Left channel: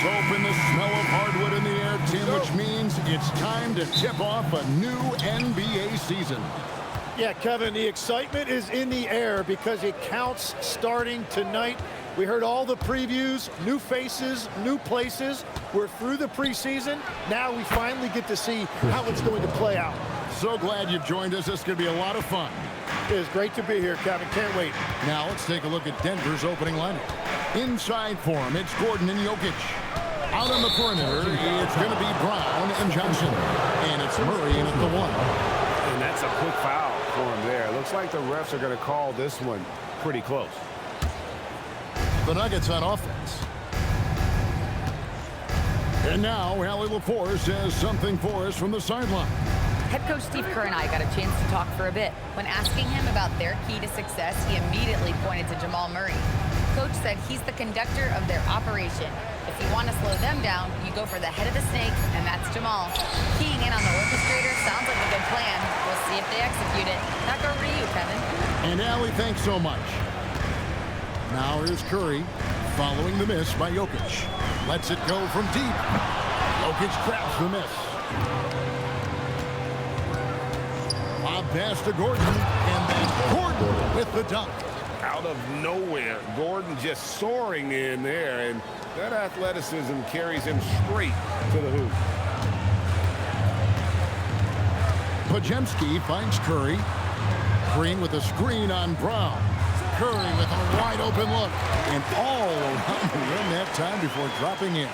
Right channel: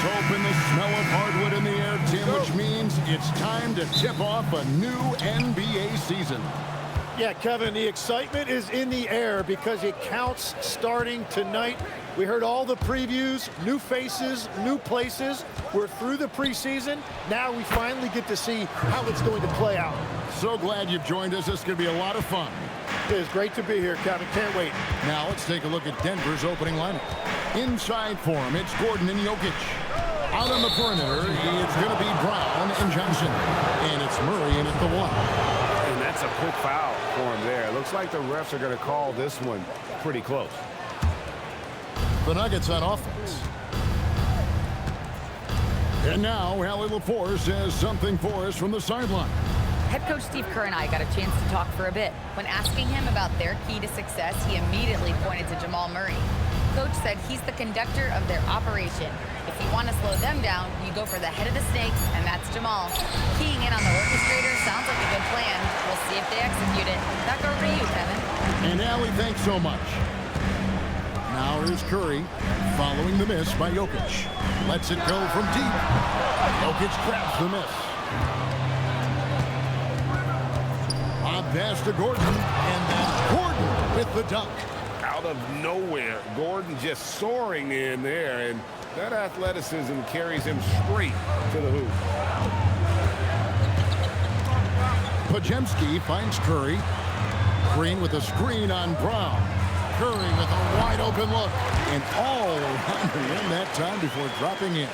Soap and the smell of hardwood in the air, Tim, which means it's time to tip off a new NBA season. Yeah, Kevin, the excitement is in the air because it counts starting tonight. We heard all the previews, new faces, new places. We're through the preseason. Now we finally get to see how it's going to play out. So glad you've joined us. This is going to be a lot of fun. It is great to be here, Kevin. Can't wait. Now let's take a look at Denver's opening lineup. Inside for him, it's Gordon and Jokic. Out on the perimeter, it's going to be Brown and Johnson. And it's Murray in at the 1. And that's a quick foul for him there. Looks like the refs are going to call this one pretty close. The Nuggets on offense. And now, Allie LaForce has something for us from the sideline. Head coach Steve Kerr and I got a chance to talk for a bit. When asking him about their key to success, he immediately pointed to Jamal Murray. Coach said he's the conductor of their operation. If you want to slow them down, you go for the head of the snake, and that's Jamal. Keying in on the orchestrator sounds like a good plan. We'll see if they execute it. Back over to you, Kevin. And Allie, thanks so much. Now here's Curry, following the miss by Jokic. Lets it go from deep. Jokic grabs the miss. Lob pass to Gordon, and then Gordon with the dunk. Out of nowhere, Gordon just soaring in there, and that athleticism carries him straight to the hoop. Podziemski finds Curry. Green with a screen on Brown. Curry with a wide open look, and all around the rim that time before dropping in.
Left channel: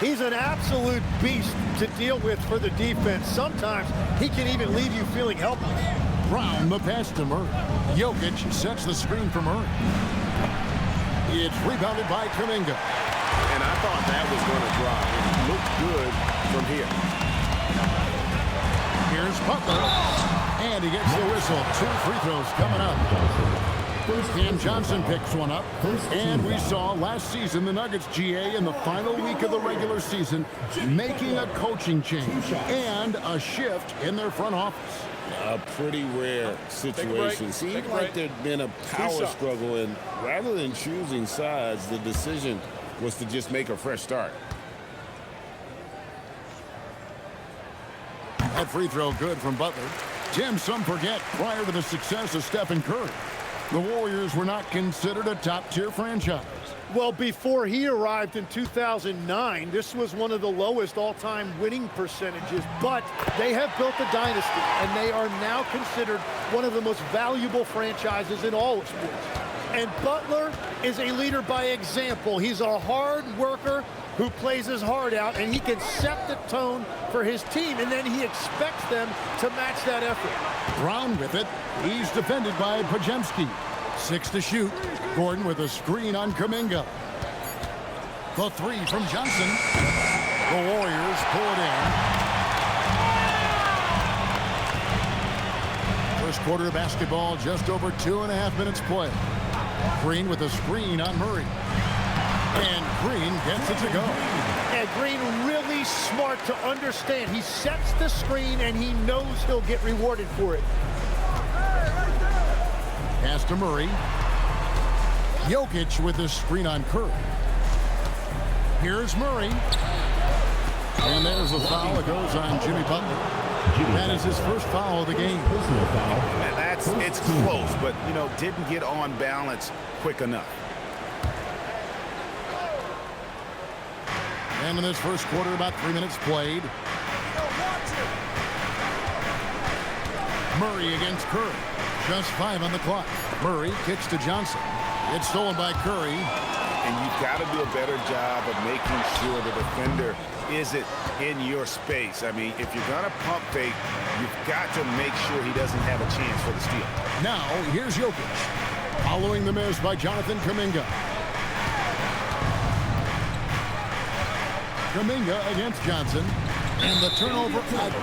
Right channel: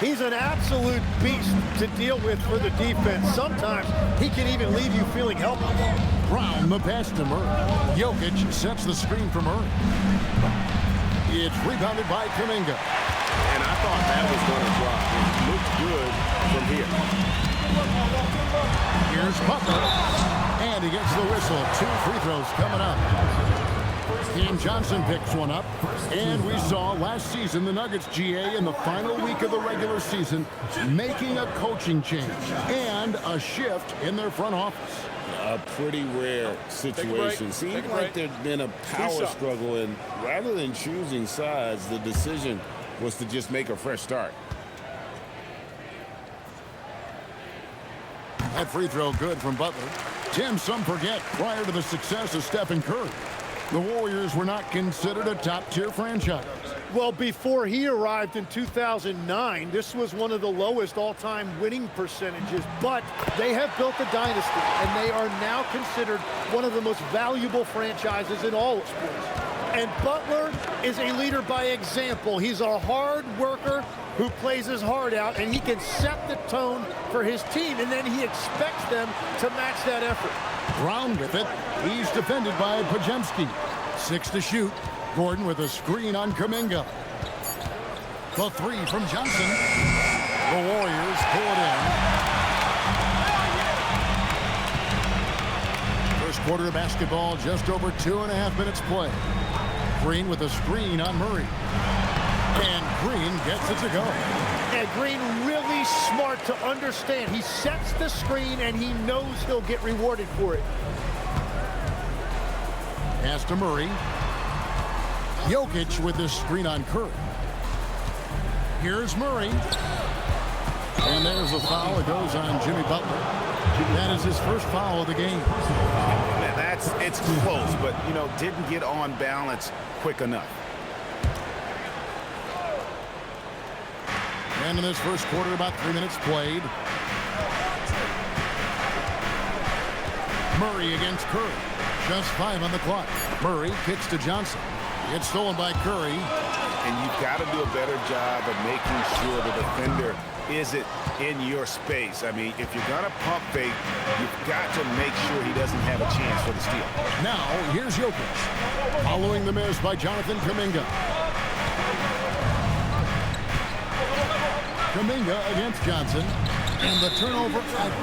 He's an absolute beast to deal with for the defense. Sometimes he can even leave you feeling helpless. Brown the pass to Murray. Jokic sets the screen for Murray. It's rebounded by Kuminga. And I thought that was going to drop. It looked good from here. Here's Butler. And he gets the whistle. 2 free throws coming up. Cam Johnson picks one up. And we saw last season the Nuggets GA in the final week of the regular season making a coaching change and a shift in their front office. A pretty rare situation. Seemed like there'd been a power struggle, and rather than choosing sides, the decision was to just make a fresh start. That free throw good from Butler. Tim, some forget, prior to the success of Stephen Curry, the Warriors were not considered a top-tier franchise. Well, before he arrived in 2009, this was one of the lowest all-time winning percentages, but they have built a dynasty, and they are now considered one of the most valuable franchises in all of sports. And Butler is a leader by example. He's a hard worker who plays his heart out, and he can set the tone for his team, and then he expects them to match that effort. Brown with it. He's defended by Podziemski. 6 to shoot. Gordon with a screen on Kuminga. The 3 from Johnson. The Warriors pull it in. First quarter of basketball, just over 2.5 minutes play. Green with a screen on Murray. And Green gets it to go. And Green really smart to understand. He sets the screen, and he knows he'll get rewarded for it. Pass to Murray. Jokic with the screen on Curry. Here's Murray. And there's the foul. It goes on Jimmy Butler. That is his first foul of the game. It's close, but, didn't get on balance quick enough. And in this first quarter, about 3 minutes played. Murray against Curry. Just 5 on the clock. Murray kicks to Johnson. It's stolen by Curry. And you've got to do a better job of making sure the defender isn't in your space. I mean, if you're going to pump fake, you've got to make sure he doesn't have a chance for the steal. Now, here's Jokic. Following the miss by Jonathan Kuminga. Kuminga against Johnson. And the turnover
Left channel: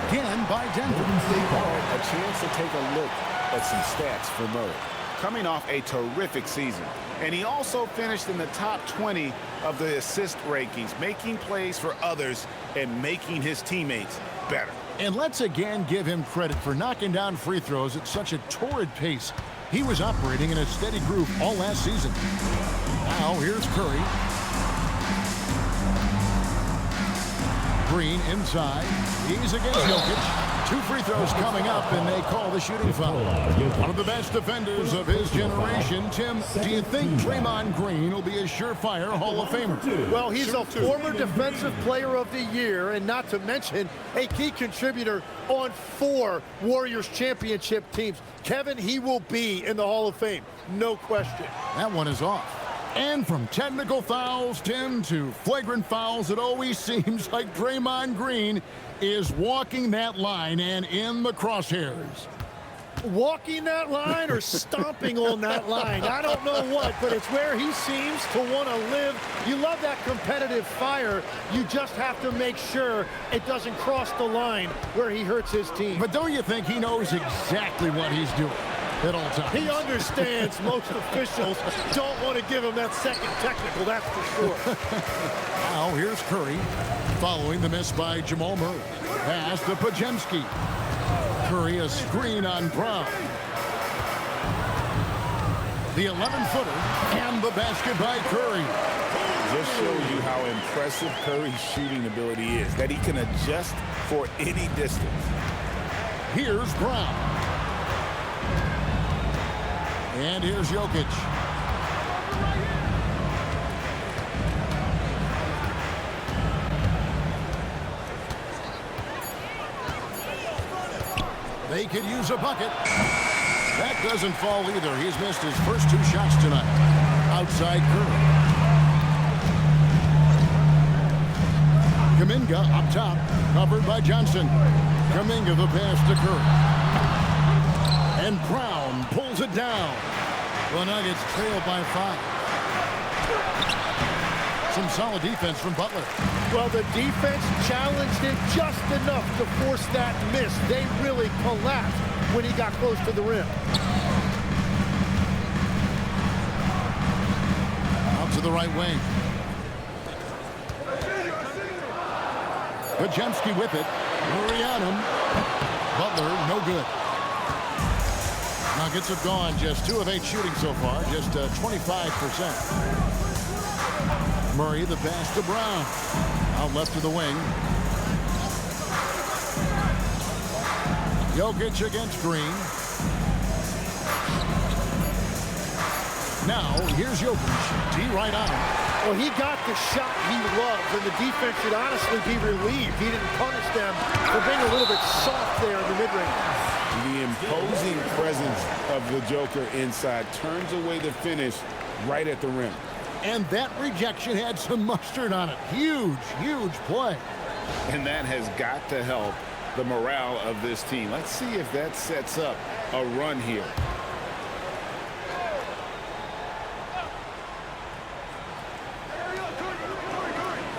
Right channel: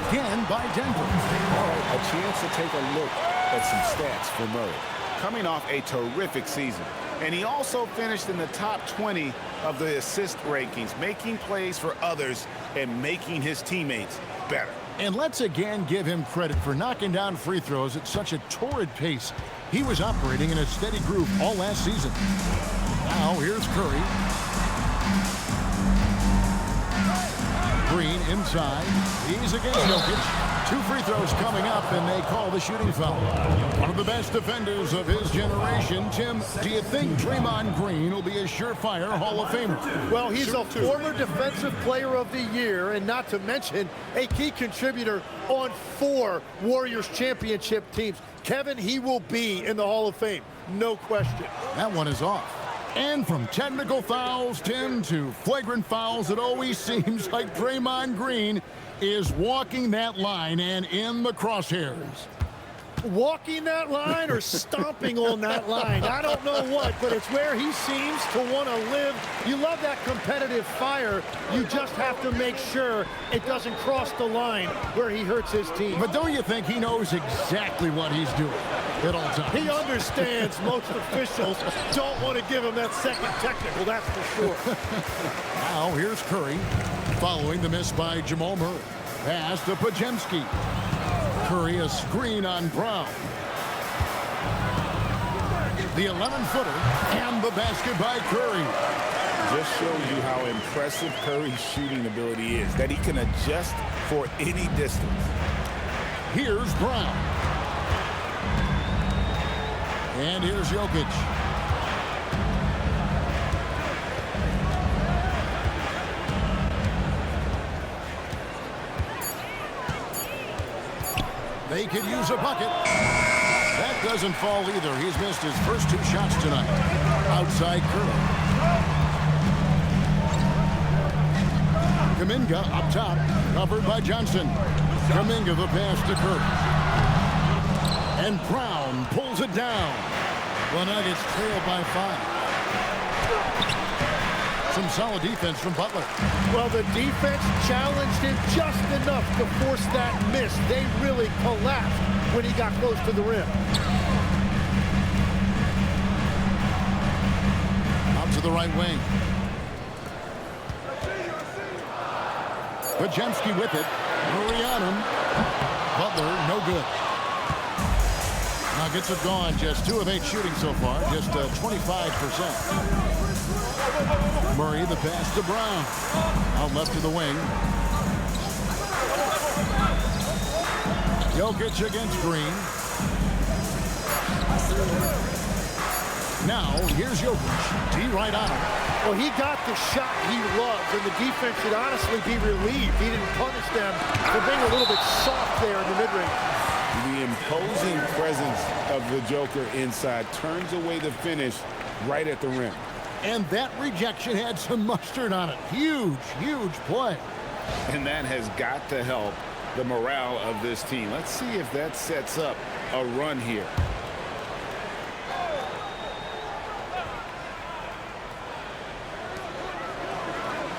again by Denver. All right, a chance to take a look at some stats for Murray. Coming off a terrific season. And he also finished in the top 20 of the assist rankings, making plays for others and making his teammates better. And let's again give him credit for knocking down free throws at such a torrid pace. He was operating in a steady groove all last season. Now here's Curry. Green inside. He's against Jokic. 2 free throws coming up, and they call the shooting foul. One of the best defenders of his generation. Tim, do you think Draymond Green will be a surefire Hall of Famer? Well, he's a former Defensive Player of the Year, and not to mention a key contributor on 4 Warriors championship teams. Kevin, he will be in the Hall of Fame, no question. That one is off. And from technical fouls, Tim, to flagrant fouls, it always seems like Draymond Green is walking that line and in the crosshairs. Walking that line or stomping on that line, I don't know what, but it's where he seems to want to live. You love that competitive fire. You just have to make sure it doesn't cross the line where he hurts his team. But don't you think he knows exactly what he's doing at all times? He understands most officials don't want to give him that second technical, that's for sure. Now here's Curry following the miss by Jamal Murray. Pass to Pajemski. Curry a screen on Brown. The 11-footer and the basket by Curry. Just shows you how impressive Curry's shooting ability is, that he can adjust for any distance. Here's Brown. And here's Jokic. They could use a bucket. That doesn't fall either. He's missed his first 2 shots tonight. Outside Curry. Kuminga up top, covered by Johnson. Kuminga the pass to Curry. And Brown pulls it down. The Nuggets trail by 5. Some solid defense from Butler. Well, the defense challenged him just enough to force that miss. They really collapsed when he got close to the rim. Out to the right wing. Pajemski with it. Murray on him. Butler, no good. Nuggets have gone just 2 of 8 shooting so far, just 25%. Murray the pass to Brown. Out left of the wing. Jokic against Green. Now, here's Jokic. D right on him. Well, he got the shot he loves, and the defense should honestly be relieved. He didn't punish them for being a little bit soft there in the mid-range. The imposing presence of the Joker inside turns away the finish right at the rim. And that rejection had some mustard on it. Huge, huge play. And that has got to help the morale of this team. Let's see if that sets up a run here.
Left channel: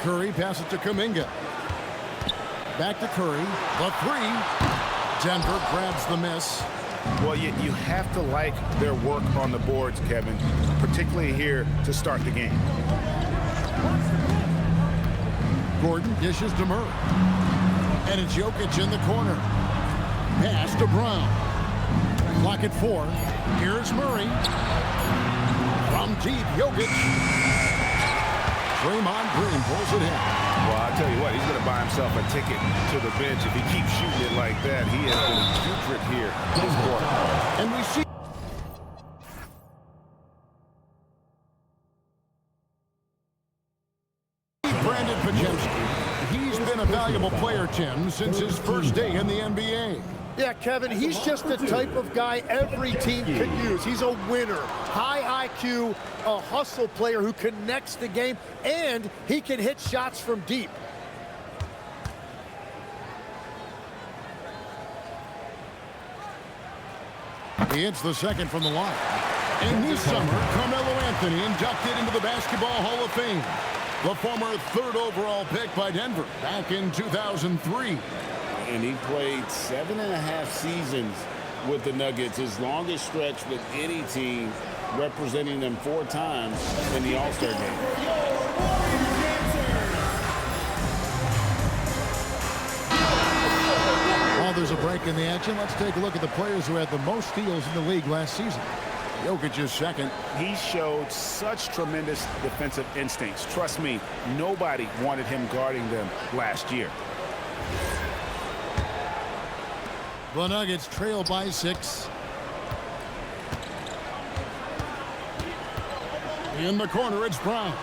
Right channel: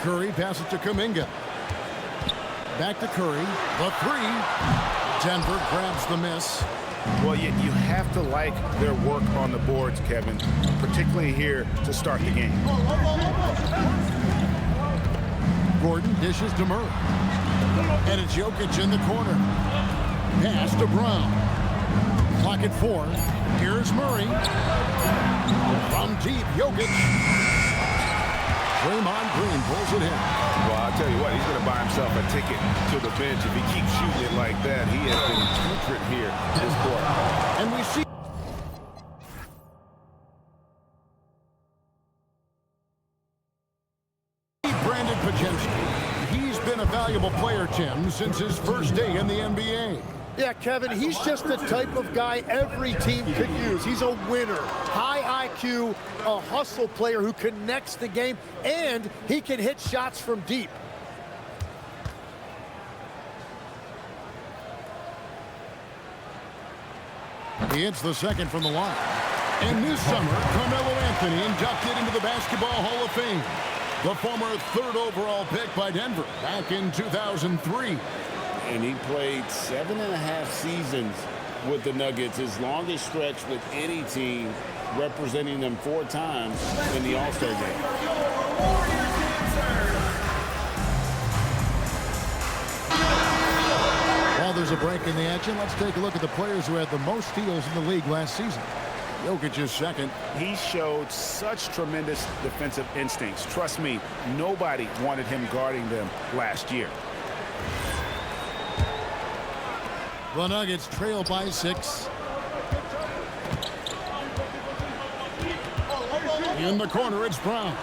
Curry passes to Kuminga. Back to Curry. The 3. Denver grabs the miss. Well, you have to like their work on the boards, Kevin, particularly here to start the game. Gordon dishes to Murray. And it's Jokic in the corner. Pass to Brown. Clock at 4. Here's Murray. From deep, Jokic. Draymond Green pulls it in. Well, I'll tell you what, he's going to buy himself a ticket to the bench if he keeps shooting it like that. He has been putrid here this quarter. And we see Brandon Pajemski. He's been a valuable player, Tim, since his first day in the NBA. Yeah, Kevin, he's just the type of guy every team could use. He's a winner, high IQ, a hustle player who connects the game, and he can hit shots from deep. He hits the second from the line. And this summer, Carmelo Anthony inducted into the Basketball Hall of Fame. The former 3rd overall pick by Denver back in 2003. And he played 7.5 seasons with the Nuggets, his longest stretch with any team, representing them 4 times in the All-Star game. While there's a break in the action, let's take a look at the players who had the most steals in the league last season. Jokic is second. He showed such tremendous defensive instincts. Trust me, nobody wanted him guarding them last year. The Nuggets trail by 6. In the corner, it's Brown.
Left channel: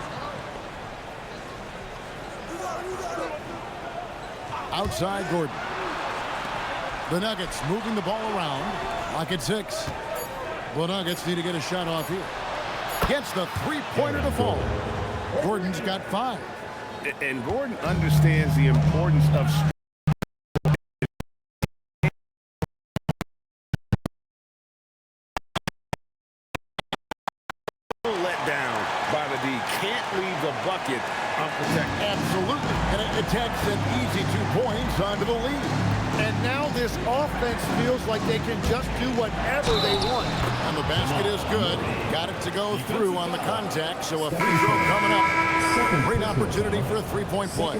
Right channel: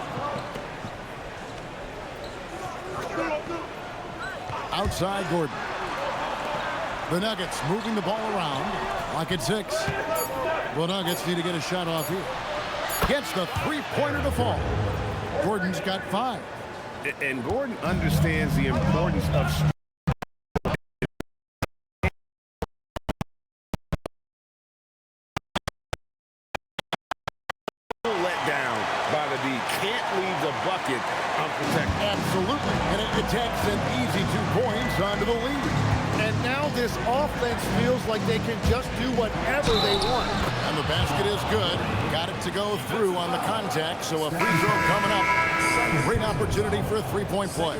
Outside, Gordon. The Nuggets moving the ball around. Lock at 6. The Nuggets need to get a shot off here. Gets the three-pointer to fall. Gordon's got 5. And Gordon understands the importance of let down by the D. Can't leave the bucket unprotected. Absolutely. And it takes an easy 2 points onto the lead. And now this offense feels like they can just do whatever they want. And the basket is good. Got it to go through on the contact, so a free throw coming up. Great opportunity for a three-point play.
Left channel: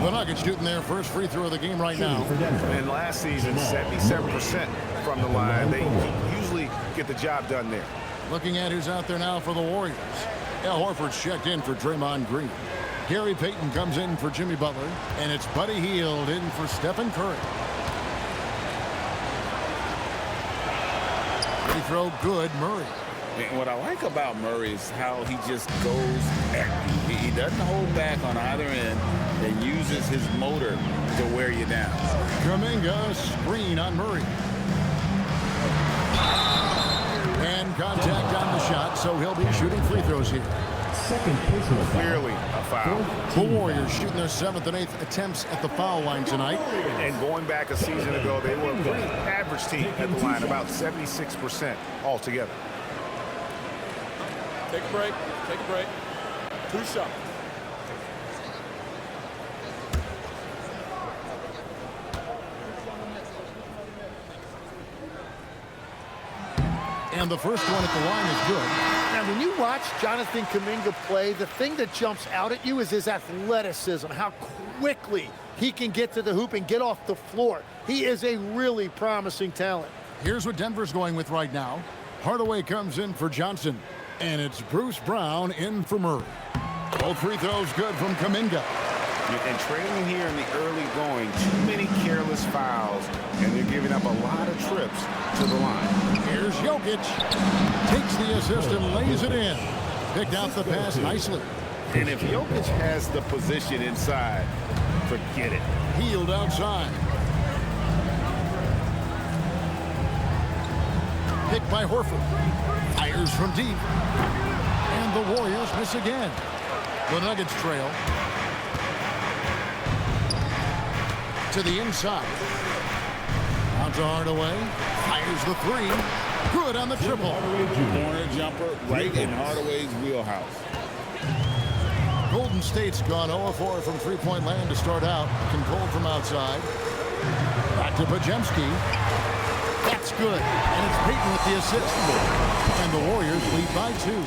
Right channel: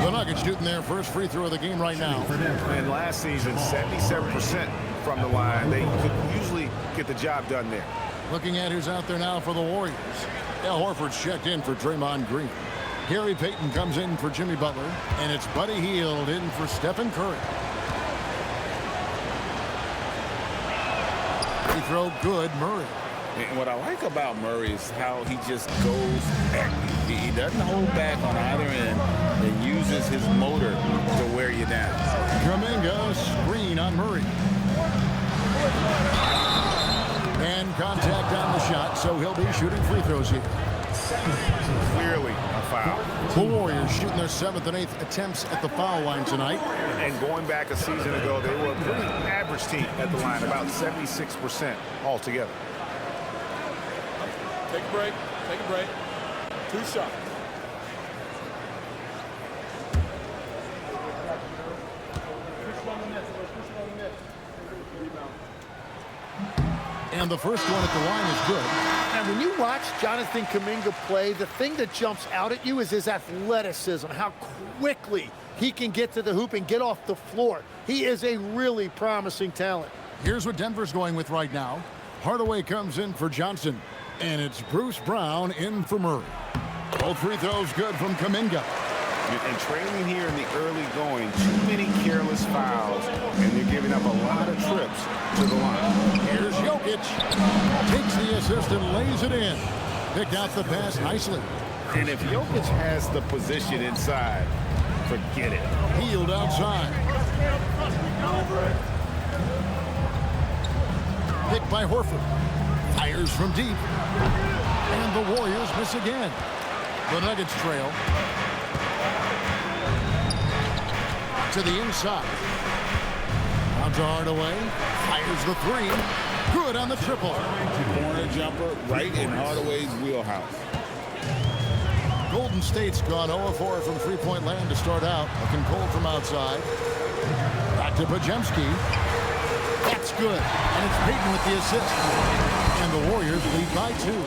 The Nuggets shooting their first free throw of the game right now. And last season, 77% from the line. They could usually get the job done there. Looking at who's out there now for the Warriors. Al Horford's checked in for Draymond Green. Gary Payton comes in for Jimmy Butler. And it's Buddy Hield in for Stephen Curry. Free throw good, Murray. And what I like about Murray is how he just goes at you. He doesn't hold back on either end and uses his motor to wear you down. Kuminga, screen on Murray. And contact on the shot, so he'll be shooting free throws here. Clearly a foul. The Warriors shooting their 7th and 8th attempts at the foul line tonight. And going back a season ago, they were a pretty average team at the line, about 76% altogether. Take a break. Take a break. 2 shots. And the first one at the line is good. Now, when you watch Jonathan Kuminga play, the thing that jumps out at you is his athleticism, how quickly he can get to the hoop and get off the floor. He is a really promising talent. Here's what Denver's going with right now. Hardaway comes in for Johnson. And it's Bruce Brown in for Murray. Both free throws good from Kuminga. And trailing here in the early going, too many careless fouls, and they're giving up a lot of trips to the line. Here's Jokic. Takes the assist and lays it in. Picked out the pass nicely. And if Jokic has the position inside, forget it. Hield outside. Picked by Horford. Fires from deep. And the Warriors miss again. The Nuggets trail. To the inside. Out to Hardaway. Fires the 3. Good on the triple. Corner jumper right in Hardaway's wheelhouse. Golden State's gone 0-4 from three-point land to start out. Looking cold from outside. Back to Podziemski. That's good. And it's Payton with the assist. And the Warriors lead by 2.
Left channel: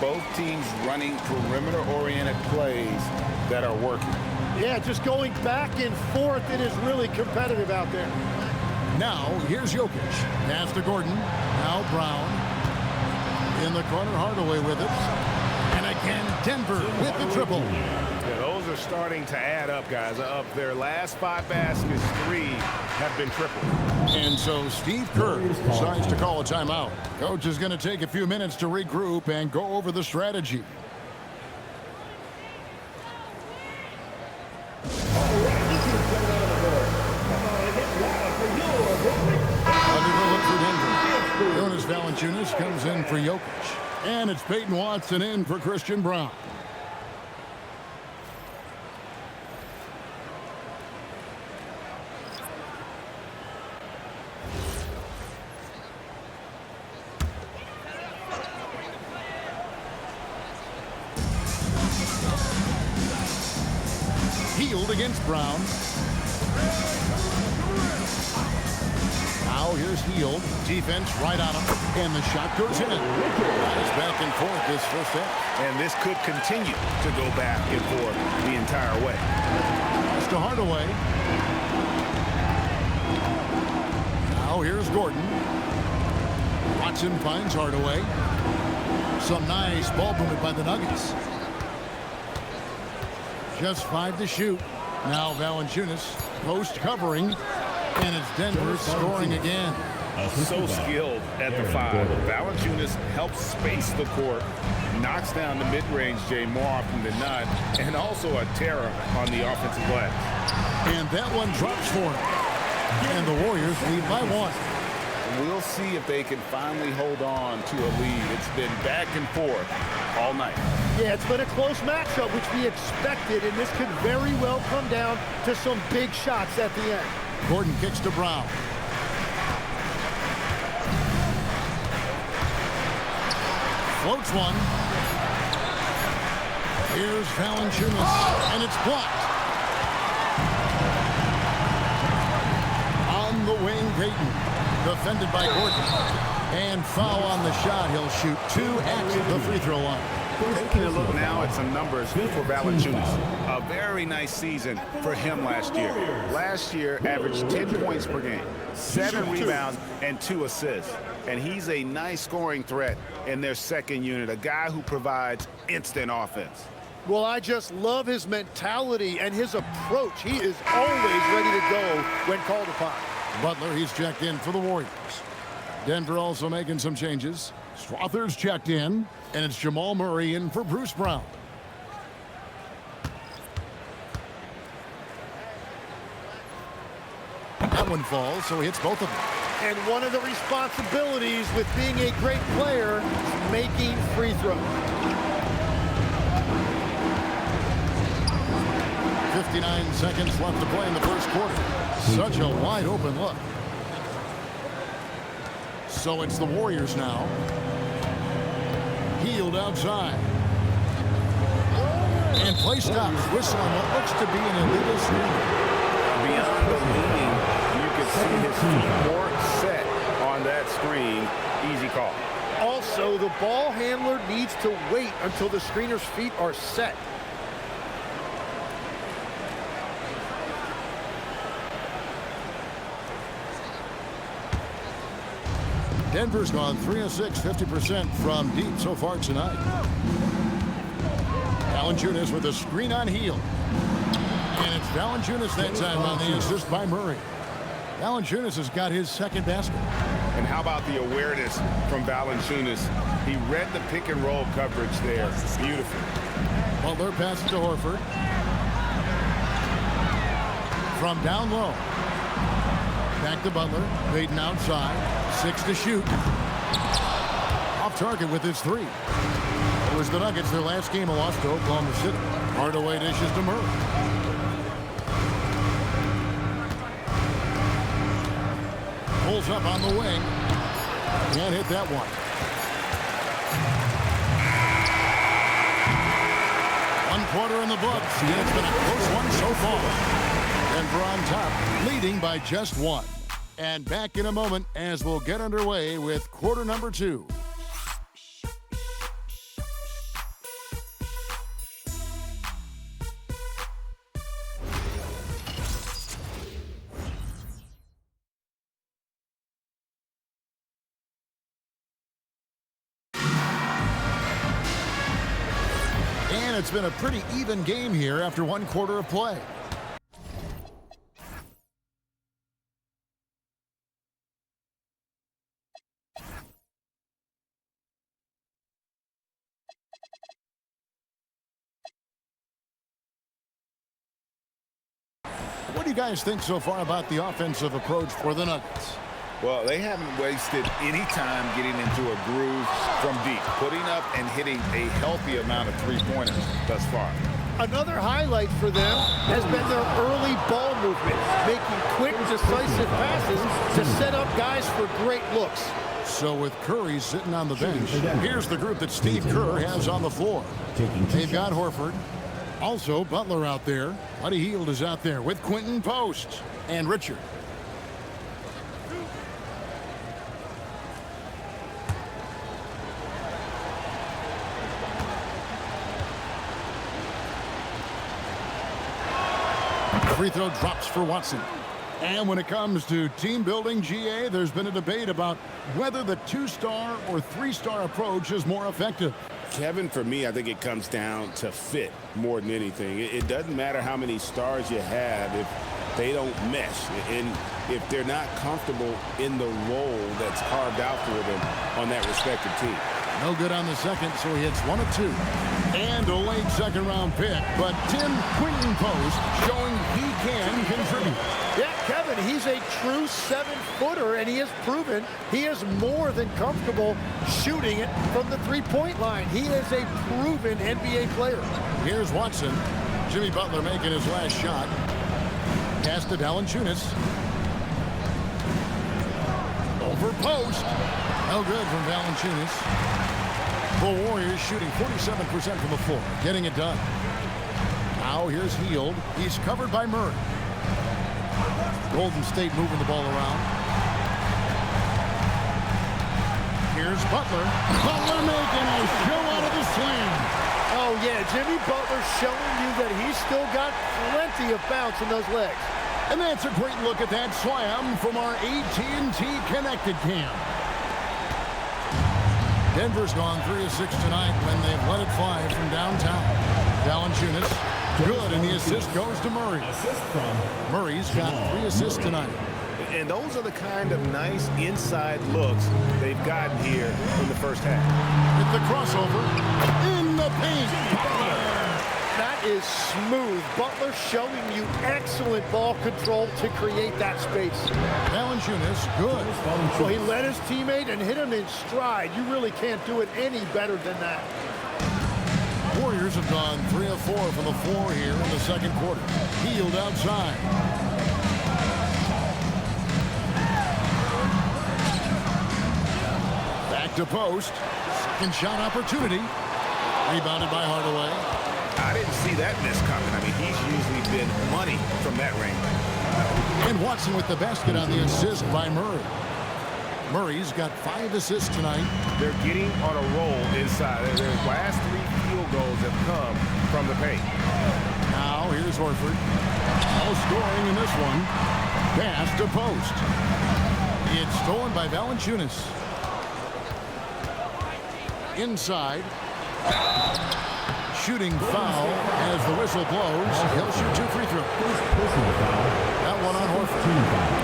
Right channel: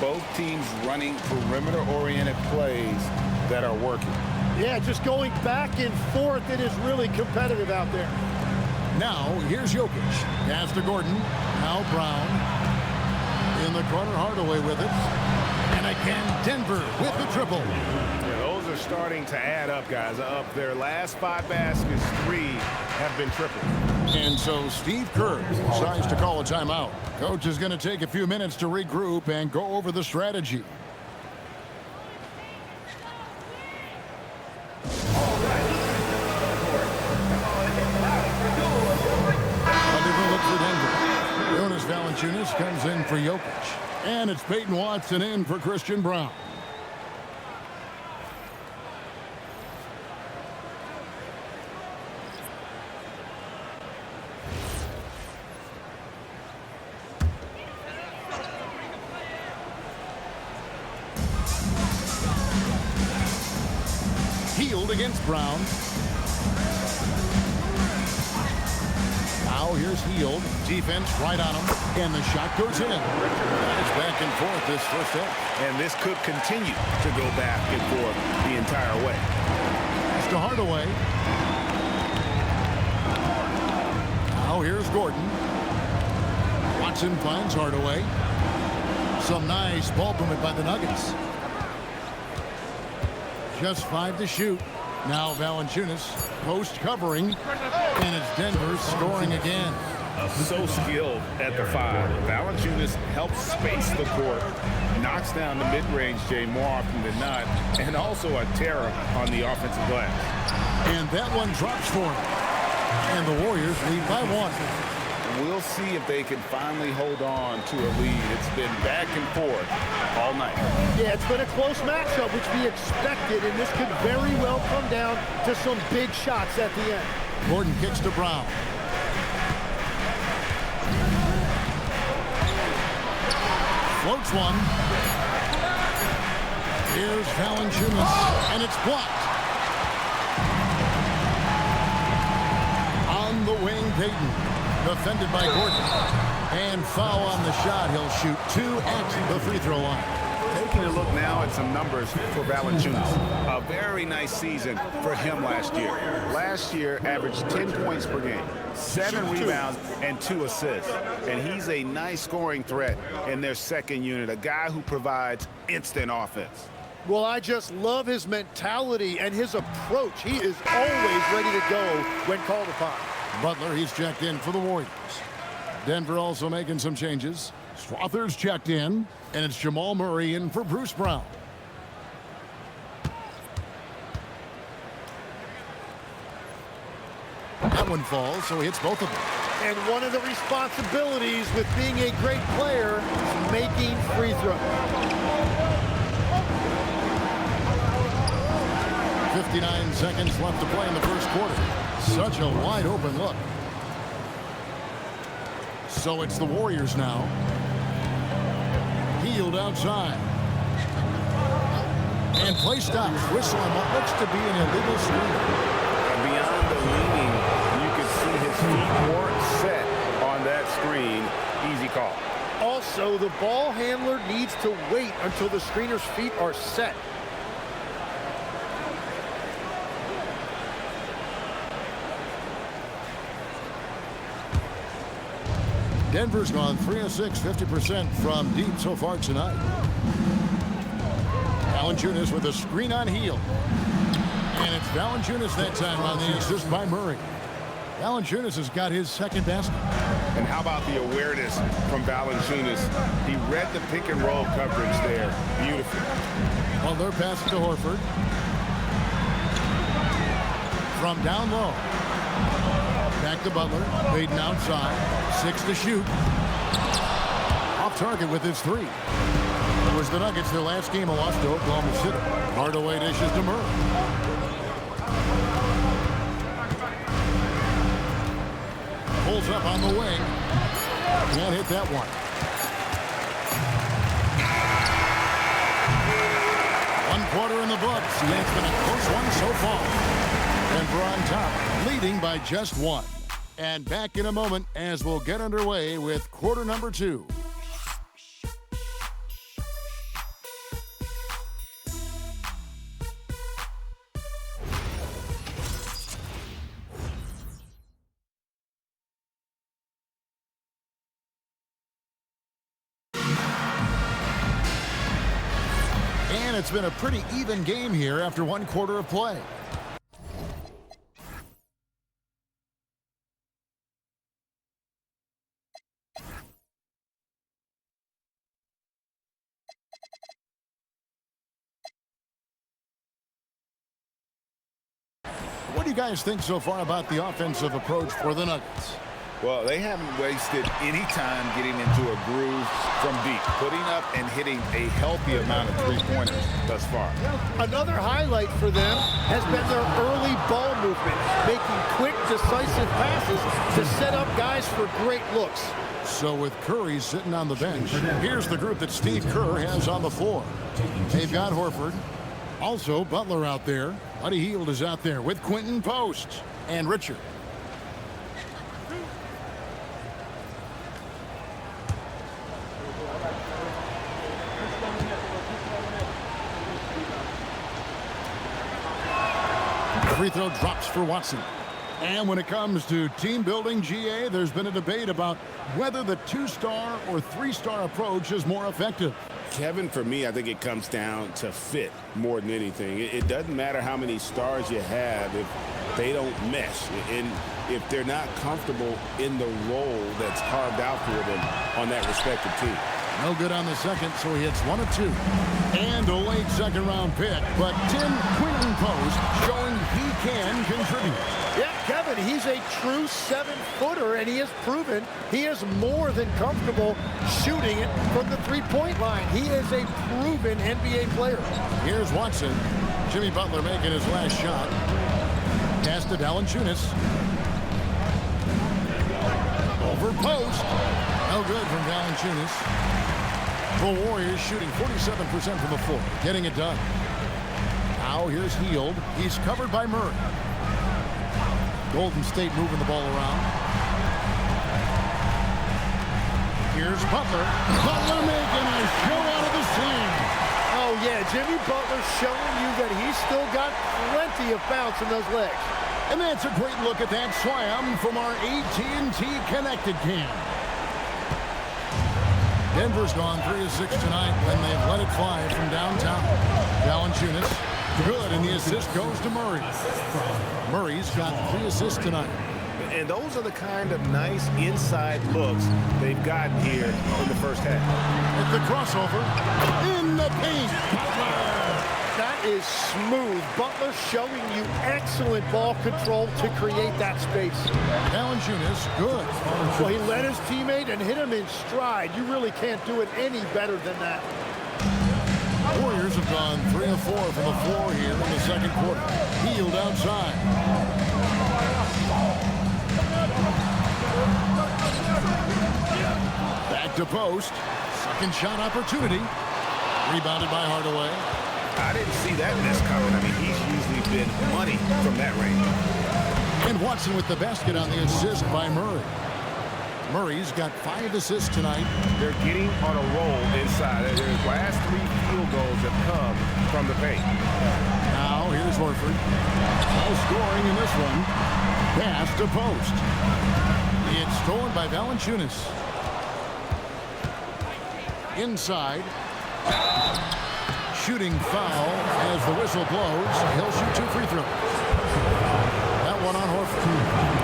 Both teams running perimeter-oriented plays that are working. Yeah, just going back and forth. It is really competitive out there. Now, here's Jokic. Pass to Gordon. Now Brown. In the corner, Hardaway with it. And again, Denver with the triple. Yeah, those are starting to add up, guys. Of their last 5 baskets, 3 have been tripled. And so Steve Kerr decides to call a timeout. Coach is going to take a few minutes to regroup and go over the strategy. Another look for Denver. Jonas Valanciunas comes in for Jokic. And it's Peyton Watson in for Christian Brown. Hield against Brown. Now here's Hield. Defense right on him. And the shot goes in. It's back and forth this first half. And this could continue to go back and forth the entire way. Pass to Hardaway. Now here's Gordon. Watson finds Hardaway. Some nice ball movement by the Nuggets. Just 5 to shoot. Now Valanciunas post covering. And it's Denver scoring again. So skilled at the 5. Valanciunas helps space the court, knocks down the mid-range Jay more often than not, and also a terror on the offensive glass. And that one drops for him. And the Warriors lead by 1. We'll see if they can finally hold on to a lead. It's been back and forth all night. Yeah, it's been a close matchup, which we expected, and this could very well come down to some big shots at the end. Gordon kicks to Brown. Floats one. Here's Valanciunas, and it's blocked. On the wing, Payton. Defended by Gordon. And foul on the shot. He'll shoot 2 at the free throw line. Taking a look now at some numbers for Valanciunas. A very nice season for him last year. Last year averaged 10 points per game, 7 rebounds, and 2 assists. And he's a nice scoring threat in their second unit, a guy who provides instant offense. Well, I just love his mentality and his approach. He is always ready to go when called upon. Butler, he's checked in for the Warriors. Denver also making some changes. Strother's checked in, and it's Jamal Murray in for Bruce Brown. That one falls, so he hits both of them. And one of the responsibilities with being a great player is making free throws. 59 seconds left to play in the first quarter. Such a wide open look. So it's the Warriors now. Healed outside. And play stops. Whistle on what looks to be an illegal screen. Beyond the leaning, you could see his feet weren't set on that screen. Easy call. Also, the ball handler needs to wait until the screener's feet are set. Denver's gone 3 of 6, 50% from deep so far tonight. Valanciunas with a screen on Hield. And it's Valanciunas that time on the assist by Murray. Valanciunas has got his second basket. And how about the awareness from Valanciunas? He read the pick and roll coverage there. Beautiful. Butler passes to Horford. From down low. Back to Butler. Payton outside. 6 to shoot. Off target with his 3. It was the Nuggets, their last game, a loss to Oklahoma City. Hardaway dishes to Murray. Pulls up on the wing. Can't hit that one. 1 quarter in the books, and it's been a close one so far. Denver on top, leading by just 1. And back in a moment as we'll get underway with quarter number 2. And it's been a pretty even game here after 1 quarter of play. What do you guys think so far about the offensive approach for the Nuggets? Well, they haven't wasted any time getting into a groove from deep, putting up and hitting a healthy amount of three-pointers thus far. Another highlight for them has been their early ball movement, making quick, decisive passes to set up guys for great looks. So with Curry sitting on the bench, here's the group that Steve Kerr has on the floor. They've got Horford. Also, Butler out there. Buddy Hield is out there with Quentin Post and Richard. Free throw drops for Watson. And when it comes to team building, GA, there's been a debate about whether the 2-star or 3-star approach is more effective. Kevin, for me, I think it comes down to fit more than anything. It doesn't matter how many stars you have if they don't mesh and if they're not comfortable in the role that's carved out for them on that respective team. No good on the second, so he hits 1 of 2. And a late second-round pick, but Tim Quinton Post showing he can contribute. Yeah, Kevin, he's a true 7-footer, and he has proven he is more than comfortable shooting it from the three-point line. He is a proven NBA player. Here's Watson. Jimmy Butler making his last shot. Pass to Valanciunas. Over post. No good from Valanciunas. The Warriors shooting 47% from the floor, getting it done. Now here's Hield. He's covered by Murray. Golden State moving the ball around. Here's Butler. Butler making a show out of the slam. Oh, yeah, Jimmy Butler showing you that he's still got plenty of bounce in those legs. And that's a great look at that slam from our AT&T Connected Cam. Denver's gone 3 of 6 tonight when they've let it fly from downtown. Valanciunas, good, and the assist goes to Murray. Murray's got 3 assists tonight. And those are the kind of nice inside looks they've gotten here in the first half. With the crossover in the paint. Butler. That is smooth. Butler showing you excellent ball control to create that space. Valanciunas, good. Well, he led his teammate and hit him in stride. You really can't do it any better than that. Warriors have gone 3 of 4 from the floor here in the second quarter. Hield outside. Back to post. Second shot opportunity. Rebounded by Hardaway. I didn't see that miss coming. I mean, he's usually been money from that range. And Watson with the basket on the assist by Murray. Murray's got 5 assists tonight. They're getting on a roll inside. Their last 3 field goals have come from the paint. Now here's Horford. No scoring in this one. Pass to post. It's stolen by Valanciunas. Inside. Shooting foul as the whistle blows. He'll shoot 2 free throws. That one on Horford.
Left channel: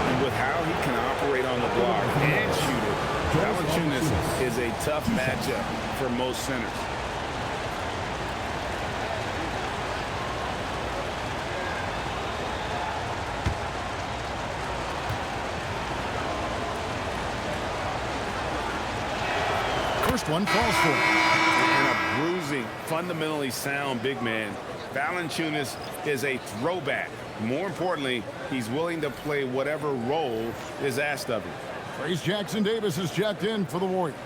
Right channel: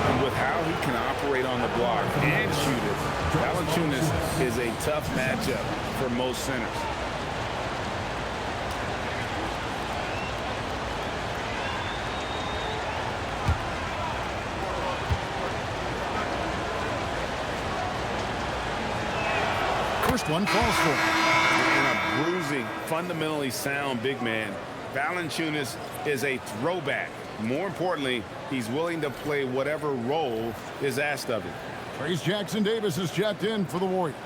And with how he can operate on the block and shoot it, Valanciunas is a tough matchup for most centers. First one falls for him. And a bruising, fundamentally sound big man. Valanciunas is a throwback. More importantly, he's willing to play whatever role is asked of him. Trace Jackson-Davis is checked in for the Warriors.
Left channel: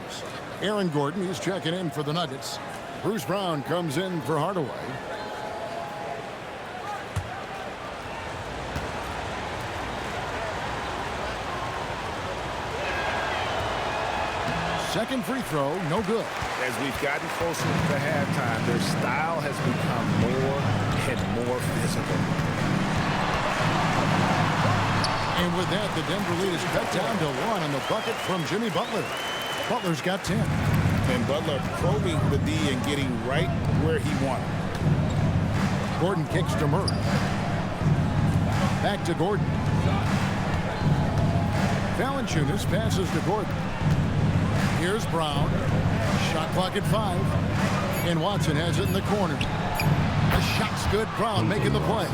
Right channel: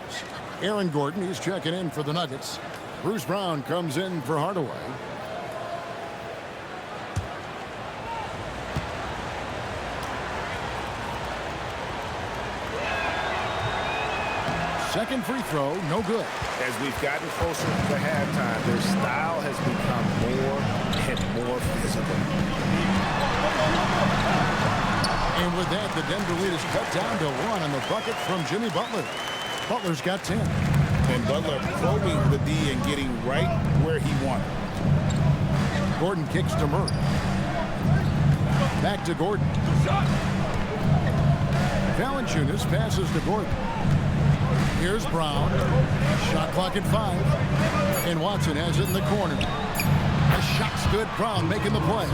Aaron Gordon, he's checking in for the Nuggets. Bruce Brown comes in for Hardaway. Second free throw, no good. As we've gotten closer to halftime, their style has become more and more physical. And with that, the Denver lead is cut down to 1 on the bucket from Jimmy Butler. Butler's got 10. And Butler probing the D and getting right where he wanted. Gordon kicks to Murray. Back to Gordon. Valanciunas passes to Gordon. Here's Brown. Shot clock at 5. And Watson has it in the corner. The shot's good. Brown making the play.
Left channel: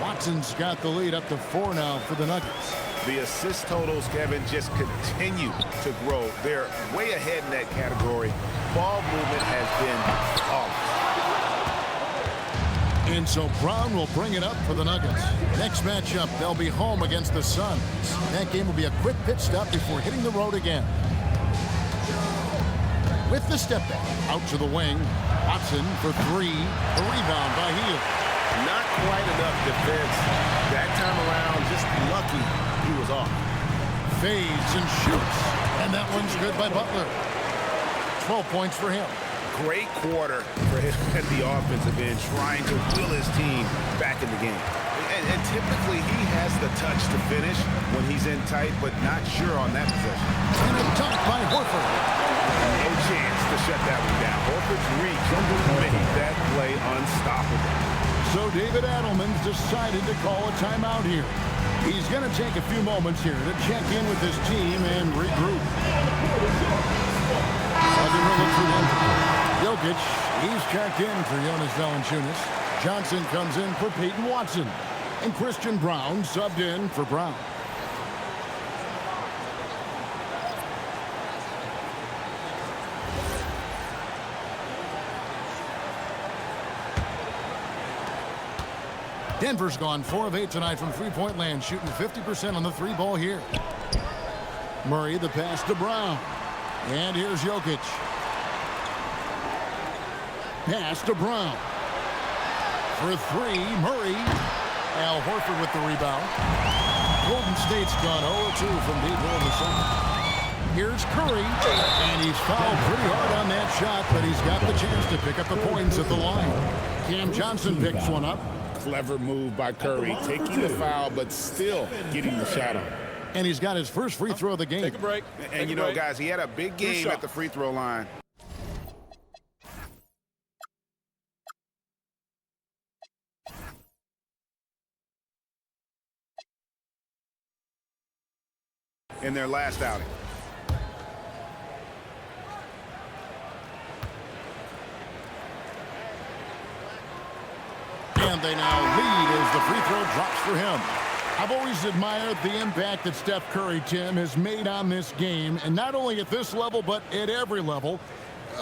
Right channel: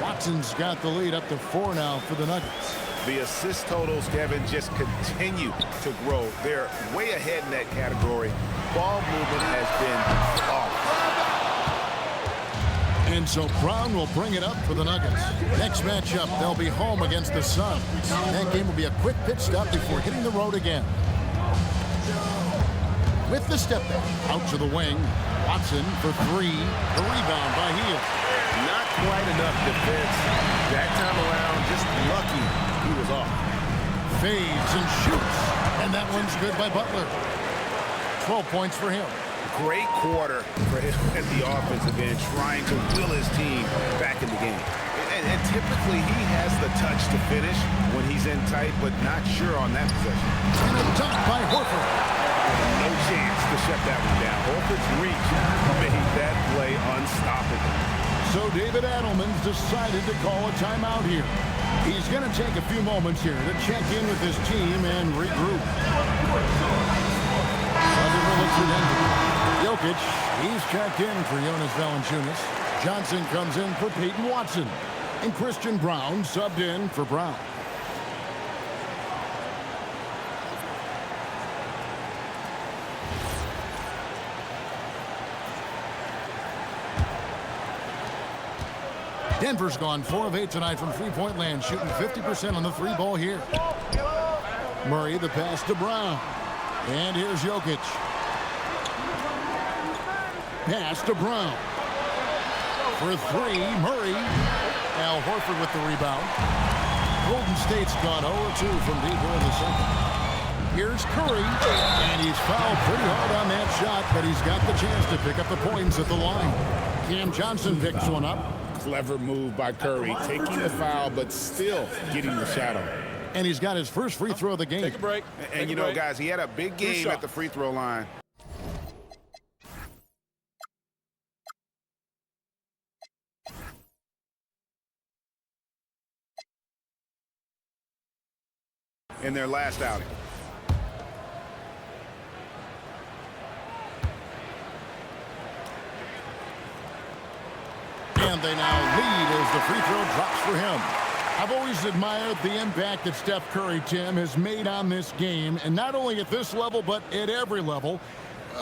Watson's got the lead up to 4 now for the Nuggets. The assist totals, Kevin, just continue to grow. They're way ahead in that category. Ball movement has been flawless. And so Brown will bring it up for the Nuggets. Next matchup, they'll be home against the Suns. That game will be a quick pit stop before hitting the road again. With the step back, out to the wing. Watson for 3. The rebound by Hield. Not quite enough defense. That time around, just lucky he was off. Fades and shoots. And that one's good by Butler. 12 points for him. Great quarter for him at the offensive end, trying to will his team back in the game. And typically he has the touch to finish when he's in tight, but not sure on that possession. And a dunk by Horford. No chance to shut that one down. Horford's reach made that play unstoppable. So David Adelman's decided to call a timeout here. He's going to take a few moments here to check in with his team and regroup. Another look for Denver. Jokic, he's checked in for Jonas Valanciunas. Johnson comes in for Peyton Watson. And Christian Brown subbed in for Brown. Denver's gone 4 of 8 tonight from three-point land, shooting 50% on the three ball here. Murray, the pass to Brown. And here's Jokic. Pass to Brown. For three, Murray. Al Horford with the rebound. Golden State's gone 0-2 from deep here in the second. Here's Curry. And he's fouled pretty hard on that shot, but he's got the chance to pick up the points at the line. Cam Johnson picks one up. Clever move by Curry, taking the foul, but still getting the shot on. And he's got his first free throw of the game. Take a break. And you know, guys, he had a big game at the free throw line. In their last outing. And they now lead as the free throw drops for him. I've always admired the impact that Steph Curry, Tim, has made on this game, and not only at this level, but at every level.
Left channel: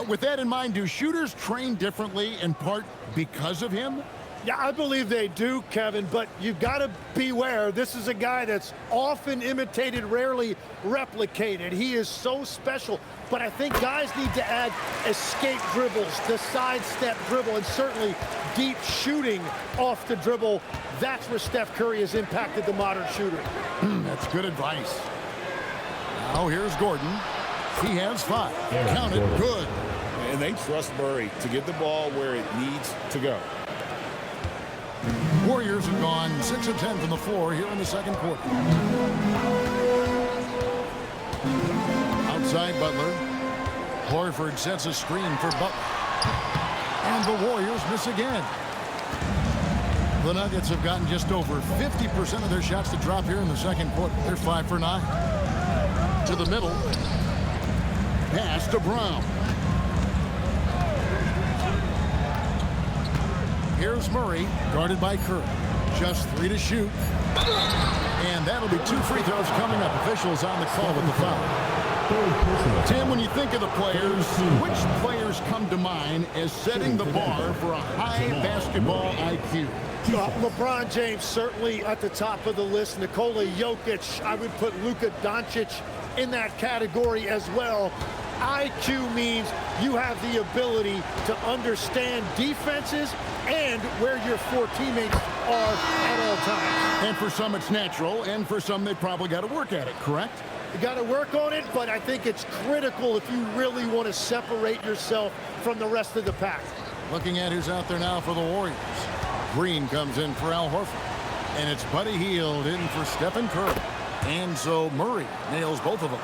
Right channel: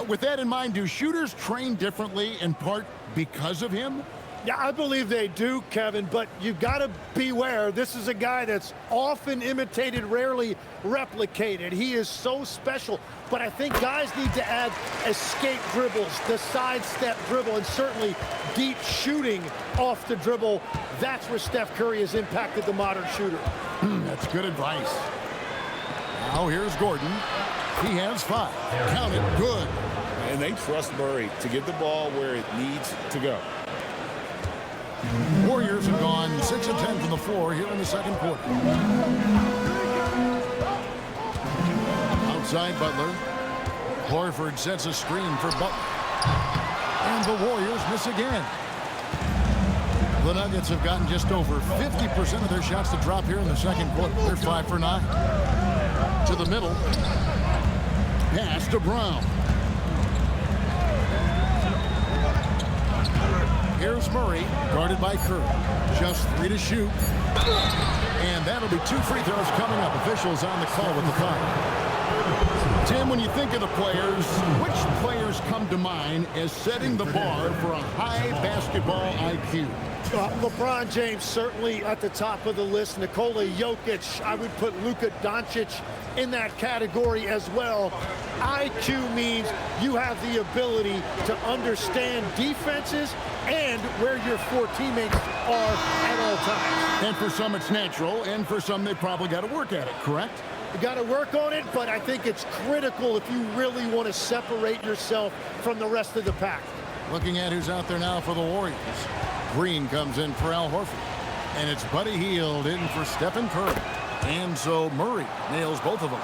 With that in mind, do shooters train differently in part because of him? Yeah, I believe they do, Kevin, but you've got to beware. This is a guy that's often imitated, rarely replicated. He is so special, but I think guys need to add escape dribbles, the sidestep dribble, and certainly deep shooting off the dribble. That's where Steph Curry has impacted the modern shooter. That's good advice. Now here's Gordon. He has 5. Count it, good. And they trust Murray to get the ball where it needs to go. Warriors have gone 6 of 10 from the floor here in the second quarter. Outside Butler. Horford sets a screen for Butler. And the Warriors miss again. The Nuggets have gotten just over 50% of their shots to drop here in the second quarter. They're 5 for 9. To the middle. Pass to Brown. Here's Murray, guarded by Curry. Just 3 to shoot. And that'll be 2 free throws coming up. Officials on the call with the foul. Tim, when you think of the players, which players come to mind as setting the bar for a high basketball IQ? LeBron James certainly at the top of the list. Nikola Jokic, I would put Luka Doncic in that category as well. IQ means you have the ability to understand defenses and where your 4 teammates are at all times. And for some it's natural, and for some they probably got to work at it, correct? You got to work on it, but I think it's critical if you really want to separate yourself from the rest of the pack. Looking at who's out there now for the Warriors. Green comes in for Al Horford. And it's Buddy Hield in for Stephen Curry. And so Murray nails both of them.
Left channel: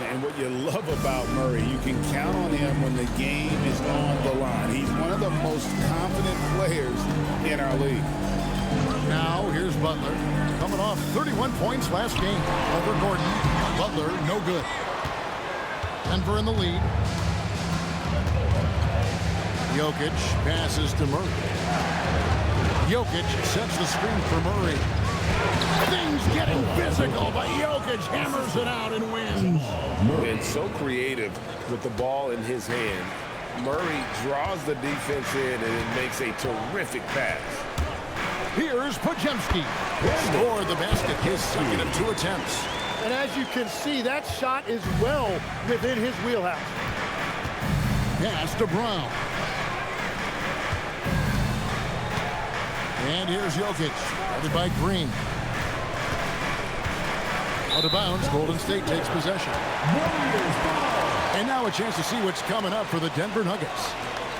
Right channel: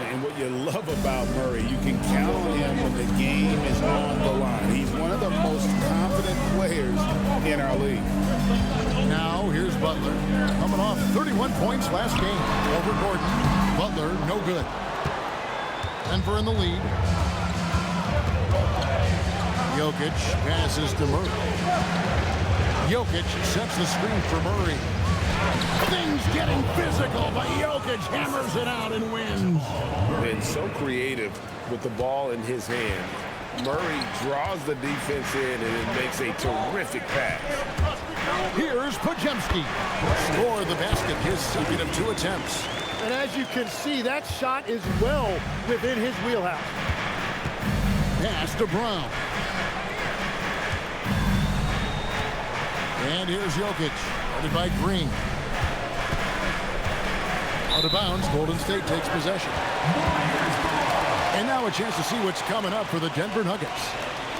And what you love about Murray, you can count on him when the game is on the line. He's one of the most confident players in our league. Now here's Butler, coming off 31 points last game over Gordon. Butler, no good. Denver in the lead. Jokic passes to Murray. Jokic sets the screen for Murray. Things getting physical, but Jokic hammers it out and wins. And so creative with the ball in his hand. Murray draws the defense in and it makes a terrific pass. Here's Podziemski. Scored the basket, his second of 2 attempts. And as you can see, that shot is well within his wheelhouse. Pass to Brown. And here's Jokic, guarded by Green. Out of bounds, Golden State takes possession. And now a chance to see what's coming up for the Denver Nuggets.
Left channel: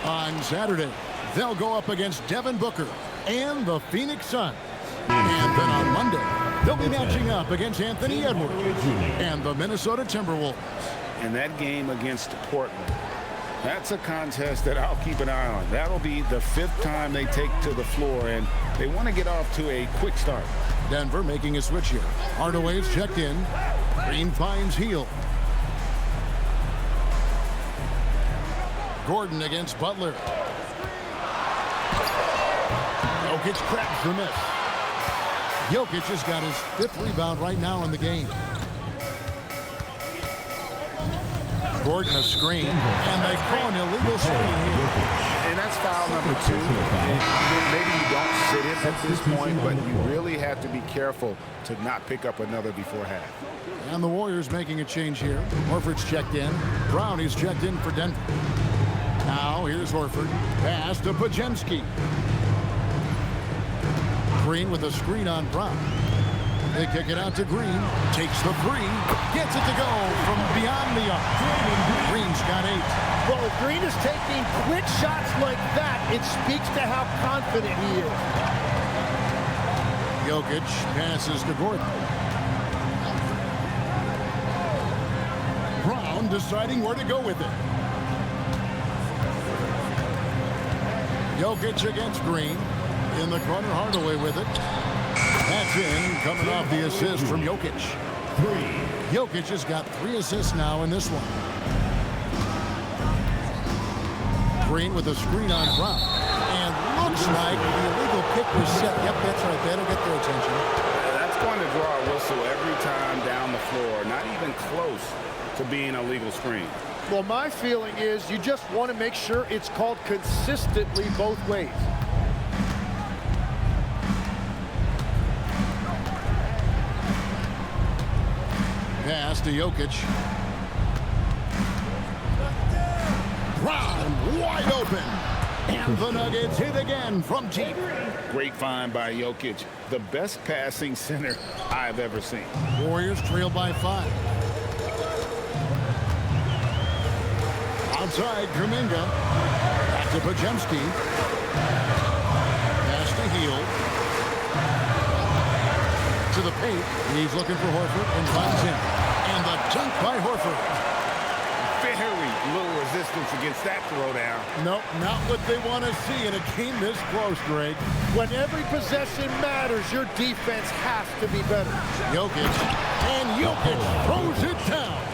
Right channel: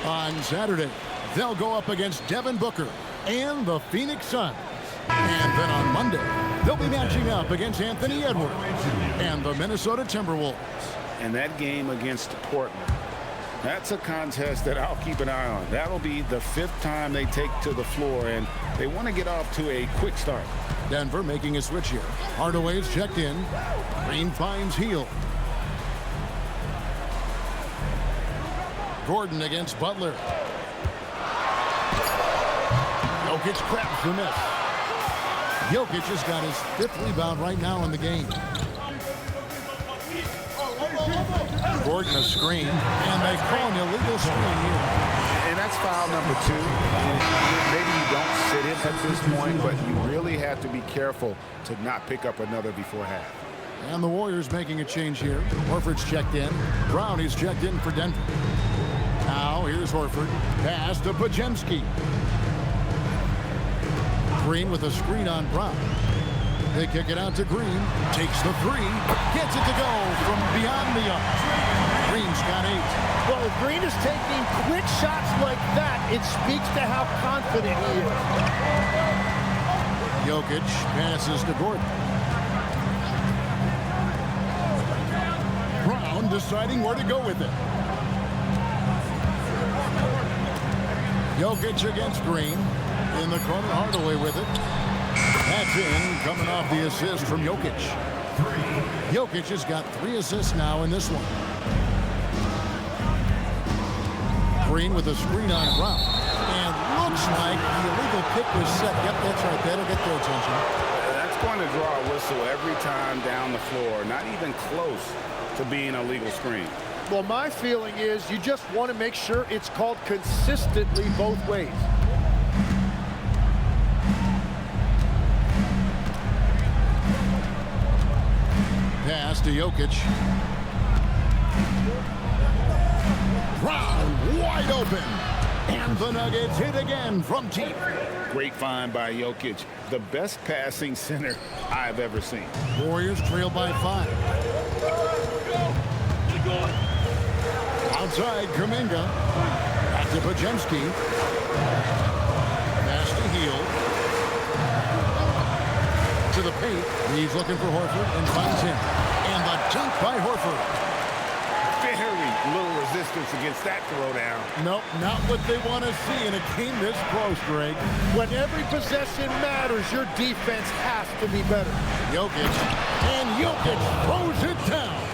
On Saturday, they'll go up against Devin Booker and the Phoenix Suns. And then on Monday, they'll be matching up against Anthony Edwards and the Minnesota Timberwolves. And that game against Portland, that's a contest that I'll keep an eye on. That'll be the 5th time they take to the floor, and they want to get off to a quick start. Denver making a switch here. Hardaway's checked in. Green finds Hield. Gordon against Butler. Jokic grabs the miss. Jokic has got his 5th rebound right now in the game. Gordon a screen, and they call an illegal screen here. And that's foul number 2. Maybe you don't sit him at this point, but you really have to be careful to not pick up another before half. And the Warriors making a change here. Horford's checked in. Brownie's checked in for Denver. Now here's Horford. Pass to Podziemski. Green with a screen on Brown. They kick it out to Green. Takes the 3. Gets it to go from beyond the arc. Green's got 8. Well, if Green is taking quick shots like that, it speaks to how confident he is. Jokic passes to Gordon. Brown deciding where to go with it. Jokic against Green. In the corner, Hardaway with it. That's in, coming off the assist from Jokic. Jokic has got 3 assists now in this one. Green with a screen on Brown. And looks like the illegal pick was set. Yep, that's right. That'll get their attention. That's going to draw a whistle every time down the floor. Not even close to being a legal screen. Well, my feeling is you just want to make sure it's called consistently both ways. Pass to Jokic. Brown wide open. And the Nuggets hit again from deep. Great find by Jokic. The best passing center I've ever seen. Warriors trail by 5. Outside, Kuminga. Back to Podziemski. Pass to Hield. To the paint. He's looking for Horford and finds him. And the dunk by Horford. Very little resistance against that throwdown. Nope, not what they want to see in a game this close, Greg. When every possession matters, your defense has to be better. Jokic. And Jokic throws it down.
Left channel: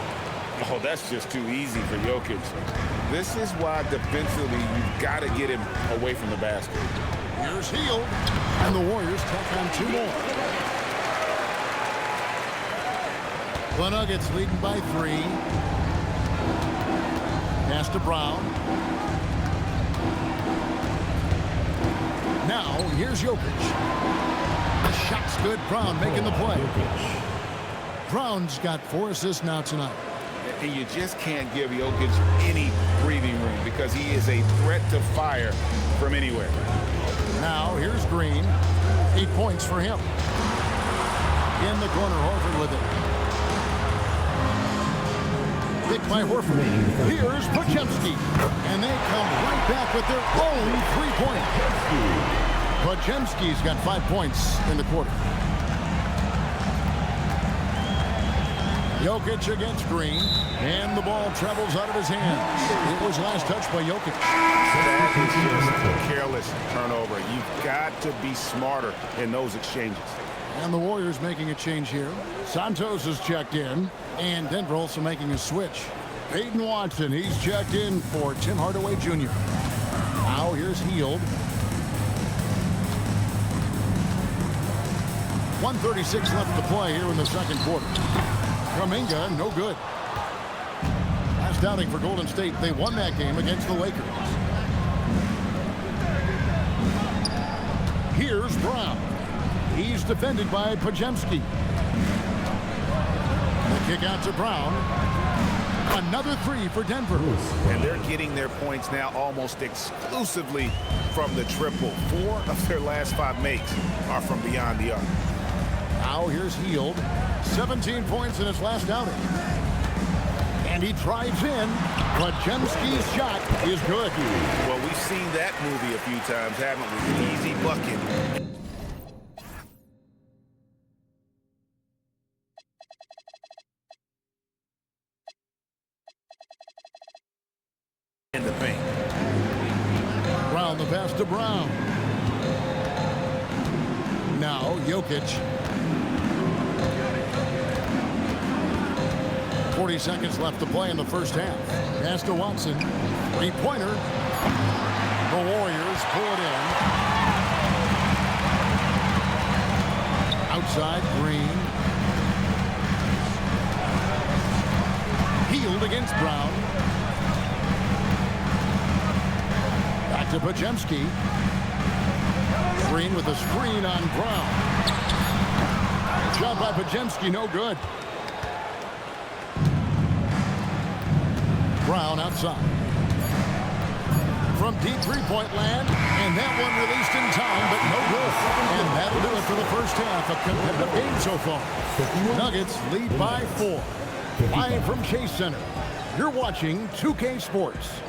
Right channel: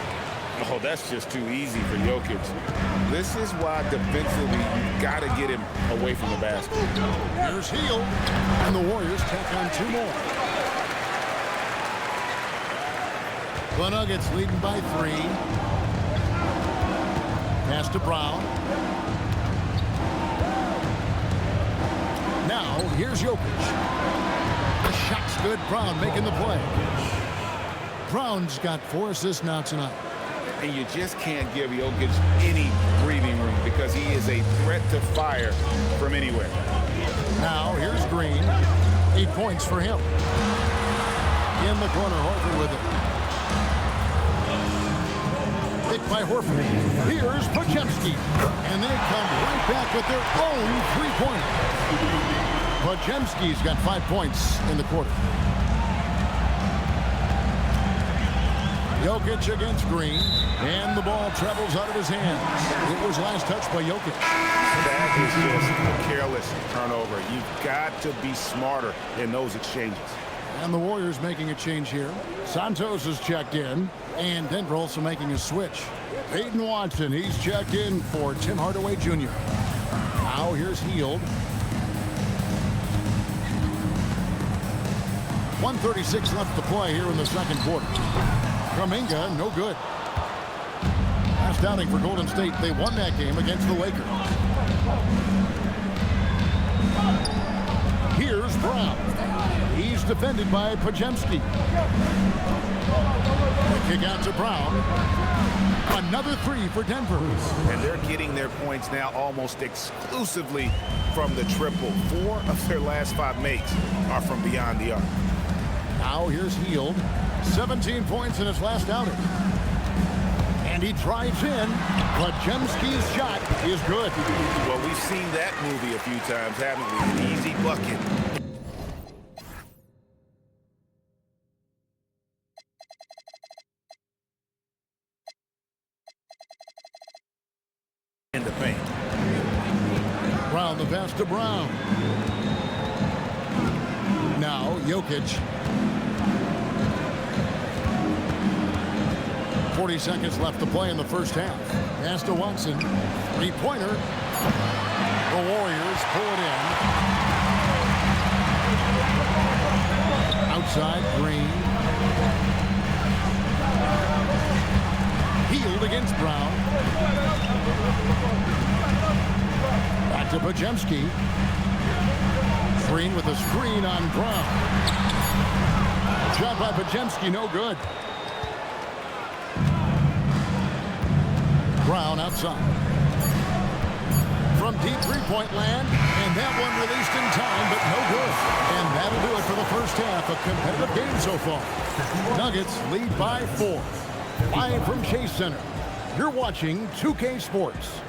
Oh, that's just too easy for Jokic. This is why defensively you've got to get him away from the basket. Here's Hield. And the Warriors tack on 2 more. The Nuggets leading by 3. Pass to Brown. Now, here's Jokic. The shot's good. Brown making the play. Brown's got 4 assists now tonight. And you just can't give Jokic any breathing room because he is a threat to fire from anywhere. Now, here's Green. 8 points for him. In the corner, Horford with it. Picked by Horford. Here's Podziemski. And they come right back with their own 3-pointer. Podziemski's got 5 points in the quarter. Jokic against Green. And the ball travels out of his hands. It was last touched by Jokic. That is just a careless turnover. You've got to be smarter in those exchanges. And the Warriors making a change here. Santos is checked in. And Denver also making a switch. Peyton Watson, he's checked in for Tim Hardaway Jr. Now here's Hield. 1:36 left to play here in the second quarter. Kuminga, no good. Last outing for Golden State, they won that game against the Lakers. Here's Brown. He's defended by Podziemski. The kick out to Brown. Another 3 for Denver. And they're getting their points now almost exclusively from the triple. 4 of their last 5 makes are from beyond the arc. Now here's Hield. 17 points in his last outing. And he drives in. Podziemski's shot is good. Well, we've seen that movie a few times, haven't we? An easy bucket. Brown the pass to Brown. Now Jokic. 40 seconds left to play in the first half. Pass to Watson. Three-pointer. The Warriors pull it in. Outside, Green. Healed against Brown. Back to Podziemski. Green with a screen on Brown. Shot by Podziemski, no good. Brown outside. From deep three-point land, and that one released in time, but no good. And that'll do it for the first half. A competitive game so far. Nuggets lead by 4. Live from Chase Center, you're watching 2K Sports.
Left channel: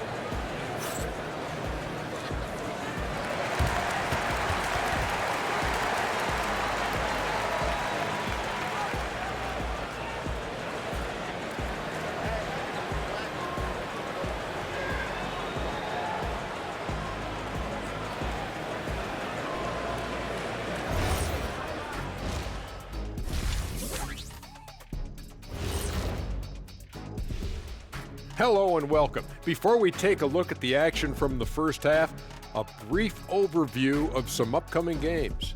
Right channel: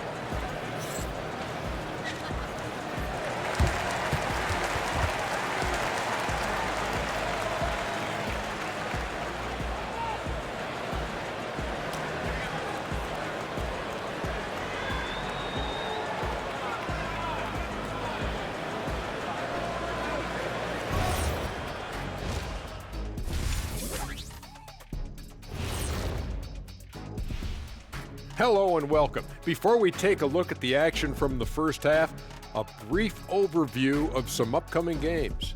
Hello and welcome. Before we take a look at the action from the first half, a brief overview of some upcoming games.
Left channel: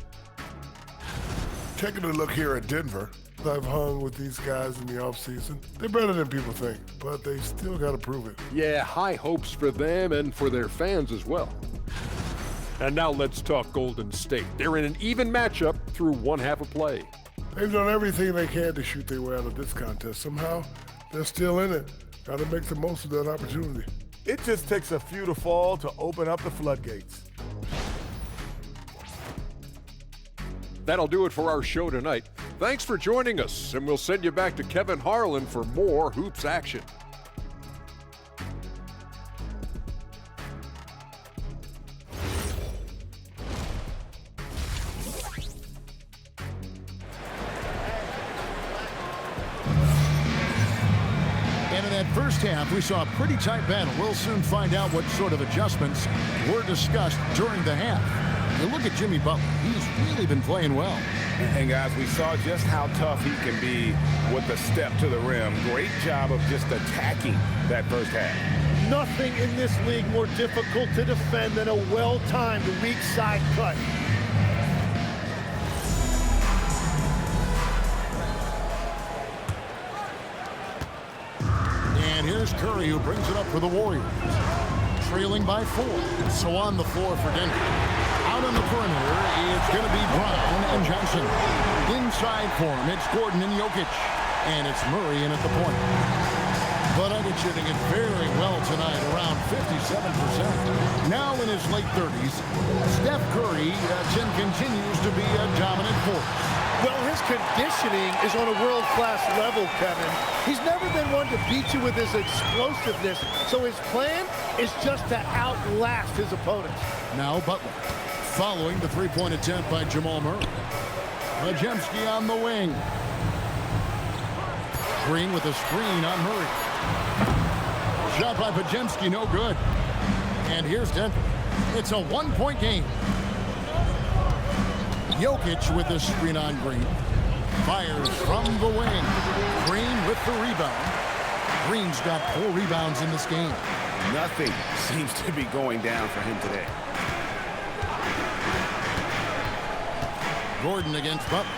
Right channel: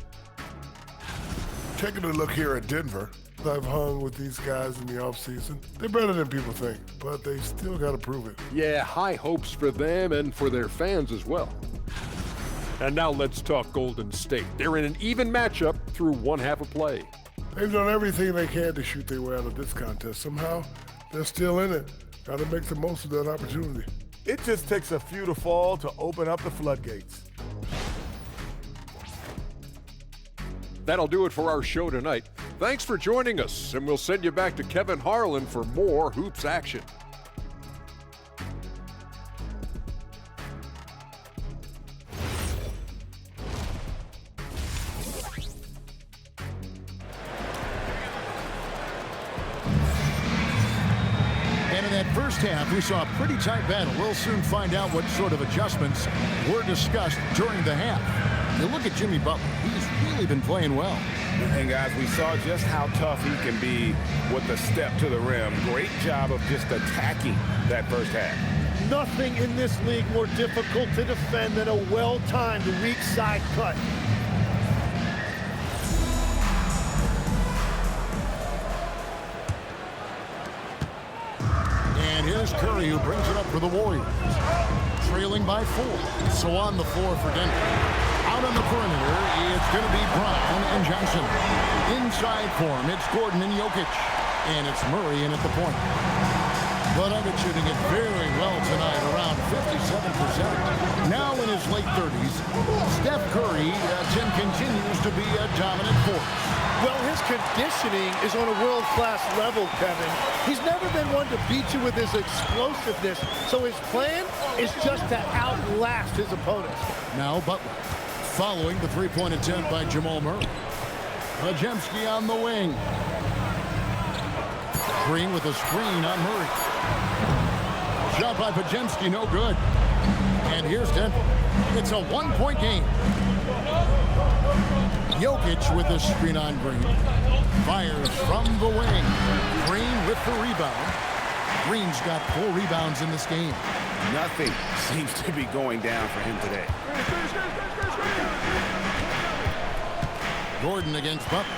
Taking a look here at Denver, I've hung with these guys in the offseason. They're better than people think, but they still got to prove it. Yeah, high hopes for them and for their fans as well. And now let's talk Golden State. They're in an even matchup through one half of play. They've done everything they can to shoot their way out of this contest. Somehow, they're still in it. Got to make the most of that opportunity. It just takes a few to fall to open up the floodgates. That'll do it for our show tonight. Thanks for joining us, and we'll send you back to Kevin Harlan for more hoops action. And in that first half, we saw a pretty tight battle. We'll soon find out what sort of adjustments were discussed during the half. You look at Jimmy Butler. He's really been playing well. And guys, we saw just how tough he can be with the step to the rim. Great job of just attacking that first half. Nothing in this league more difficult to defend than a well-timed weak side cut. And here's Curry, who brings it up for the Warriors. Trailing by 4. So on the floor for Denver. Out on the perimeter, it's going to be Brown and Johnson. Inside for him, it's Gordon and Jokic. And it's Murray in at the point. The Nuggets shooting it very well tonight, around 57%. Now in his late 30s, Steph Curry continues to be a dominant force. Well, his conditioning is on a world-class level, Kevin. He's never been one to beat you with his explosiveness, so his plan is just to outlast his opponents. Now Butler, following the three-point attempt by Jamal Murray. Podziemski on the wing. Green with a screen on Murray. Shot by Podziemski, no good. And here's Denver. It's a one-point game. Jokic with a screen on Green. Fires from the wing. Green with the rebound. Green's got 4 rebounds in this game. Nothing seems to be going down for him today. Gordon against Butler.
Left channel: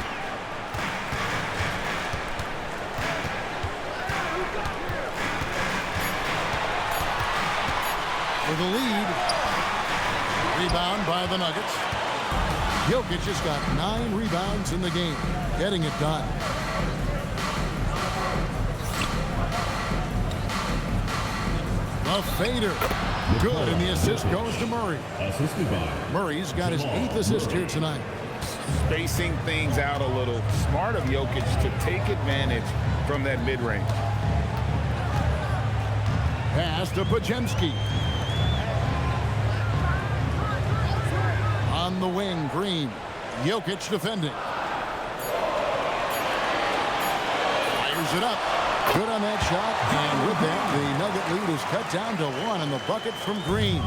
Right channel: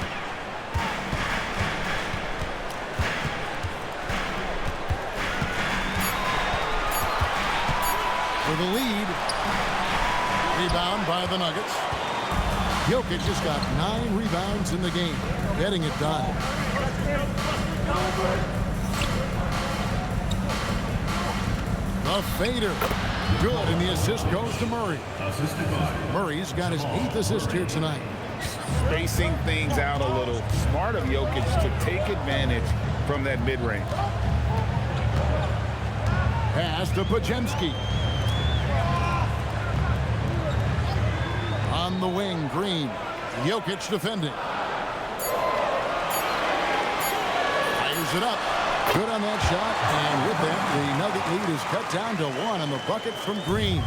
For the lead. Rebound by the Nuggets. Jokic has got 9 rebounds in the game, getting it done. The fader. Good, and the assist goes to Murray. Murray's got his 8th assist here tonight. Spacing things out a little. Smart of Jokic to take advantage from that mid-range. Pass to Podziemski. On the wing, Green. Jokic defending. Fires it up. Good on that shot. And with that, the Nugget lead is cut down to 1 on the bucket from Green.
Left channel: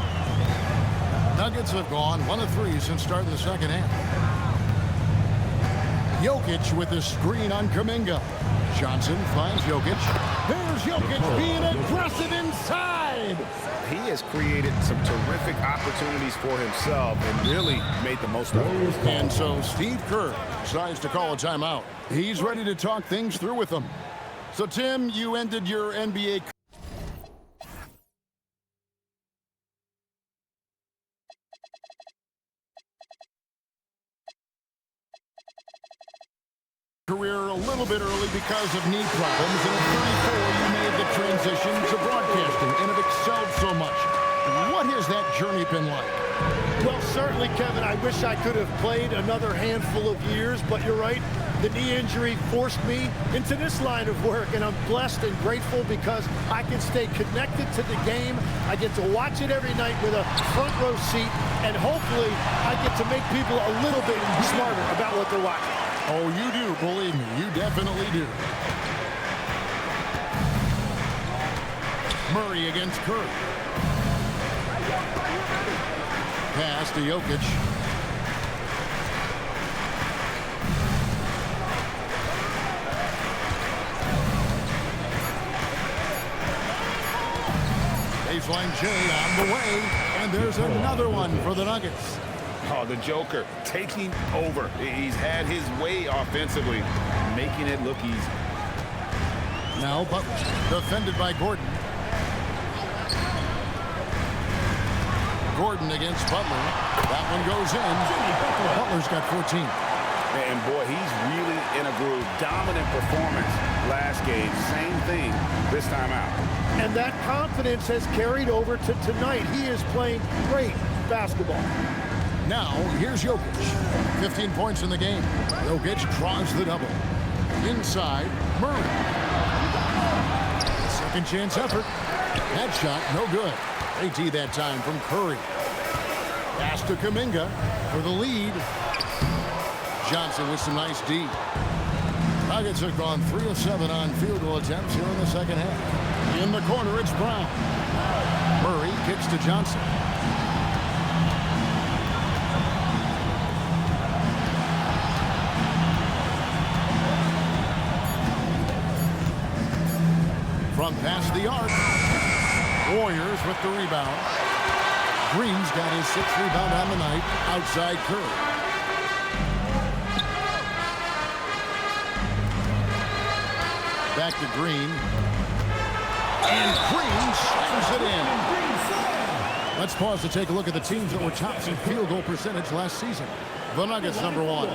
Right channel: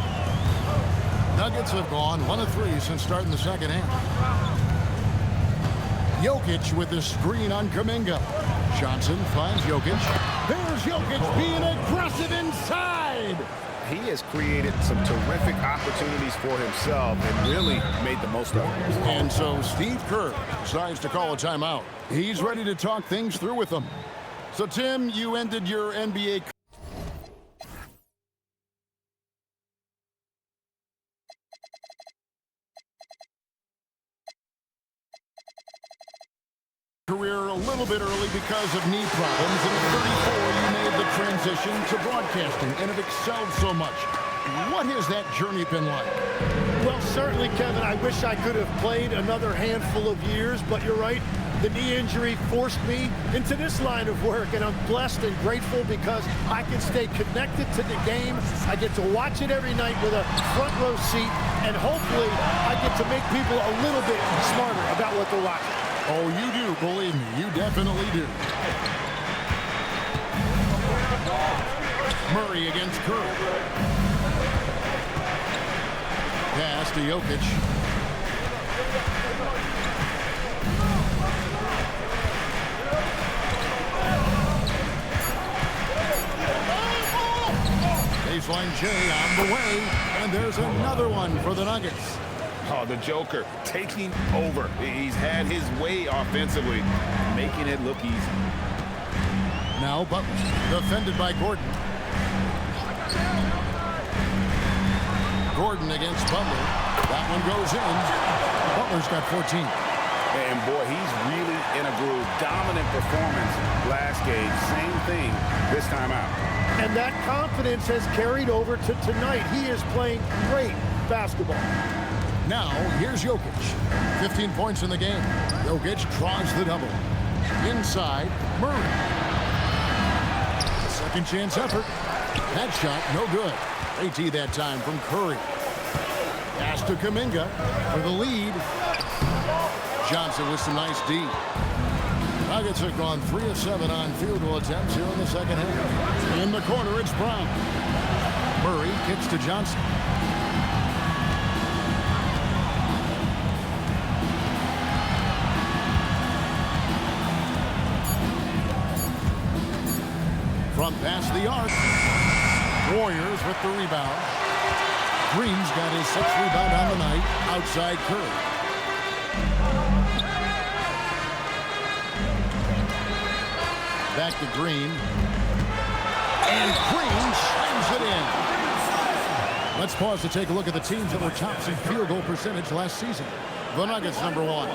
Nuggets have gone 1 of 3 since starting the second half. Jokic with the screen on Kuminga. Johnson finds Jokic. There's Jokic being aggressive inside. He has created some terrific opportunities for himself and really made the most of it. And so Steve Kerr decides to call a timeout. He's ready to talk things through with them. So, Tim, you ended your NBA career a little bit early because of knee problems, and at 34 you made the transition to broadcasting and have excelled so much. What has that journey been like? Well, certainly, Kevin, I wish I could have played another handful of years, but you're right. The knee injury forced me into this line of work, and I'm blessed and grateful because I can stay connected to the game. I get to watch it every night with a front row seat, and hopefully I get to make people a little bit smarter about what they're watching. Oh, you do, believe me, you definitely do. Murray against Curry. Pass to Jokic. Baseline J on the way, and there's another one for the Nuggets. Oh, the Joker taking over. He's had his way offensively, making it look easy. Now Butler, defended by Gordon. Gordon against Butler. That one goes in. Butler's got 14. And boy, he's really in a groove. Dominant performance last game. Same thing this time out. And that confidence has carried over to tonight. He is playing great basketball. Now, here's Jokic. 15 points in the game. Jokic draws the double. Inside, Murray. Second chance effort. That shot, no good. They tee that time from Curry. Pass to Kuminga for the lead. Johnson with some nice D. Nuggets have gone 3 of 7 on field goal attempts here in the second half. In the corner, it's Brown. Murray kicks to Johnson. From past the arc. Warriors with the rebound. Green's got his 6th rebound on the night. Outside Curry. Back to Green. And Green slams it in. Let's pause to take a look at the teams that were tops in field goal percentage last season. The Nuggets, number 1.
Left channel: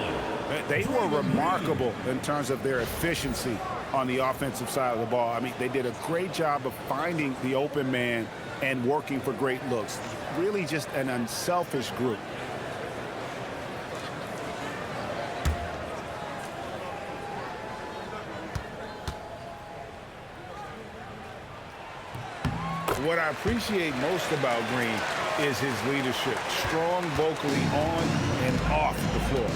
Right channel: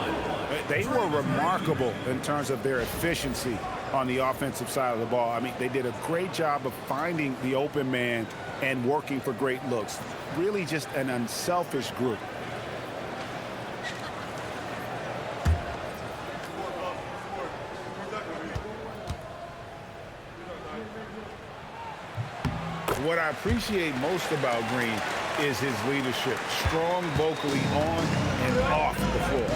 They were remarkable in terms of their efficiency on the offensive side of the ball. I mean, they did a great job of finding the open man and working for great looks. Really just an unselfish group. What I appreciate most about Green is his leadership. Strong vocally on and off the floor.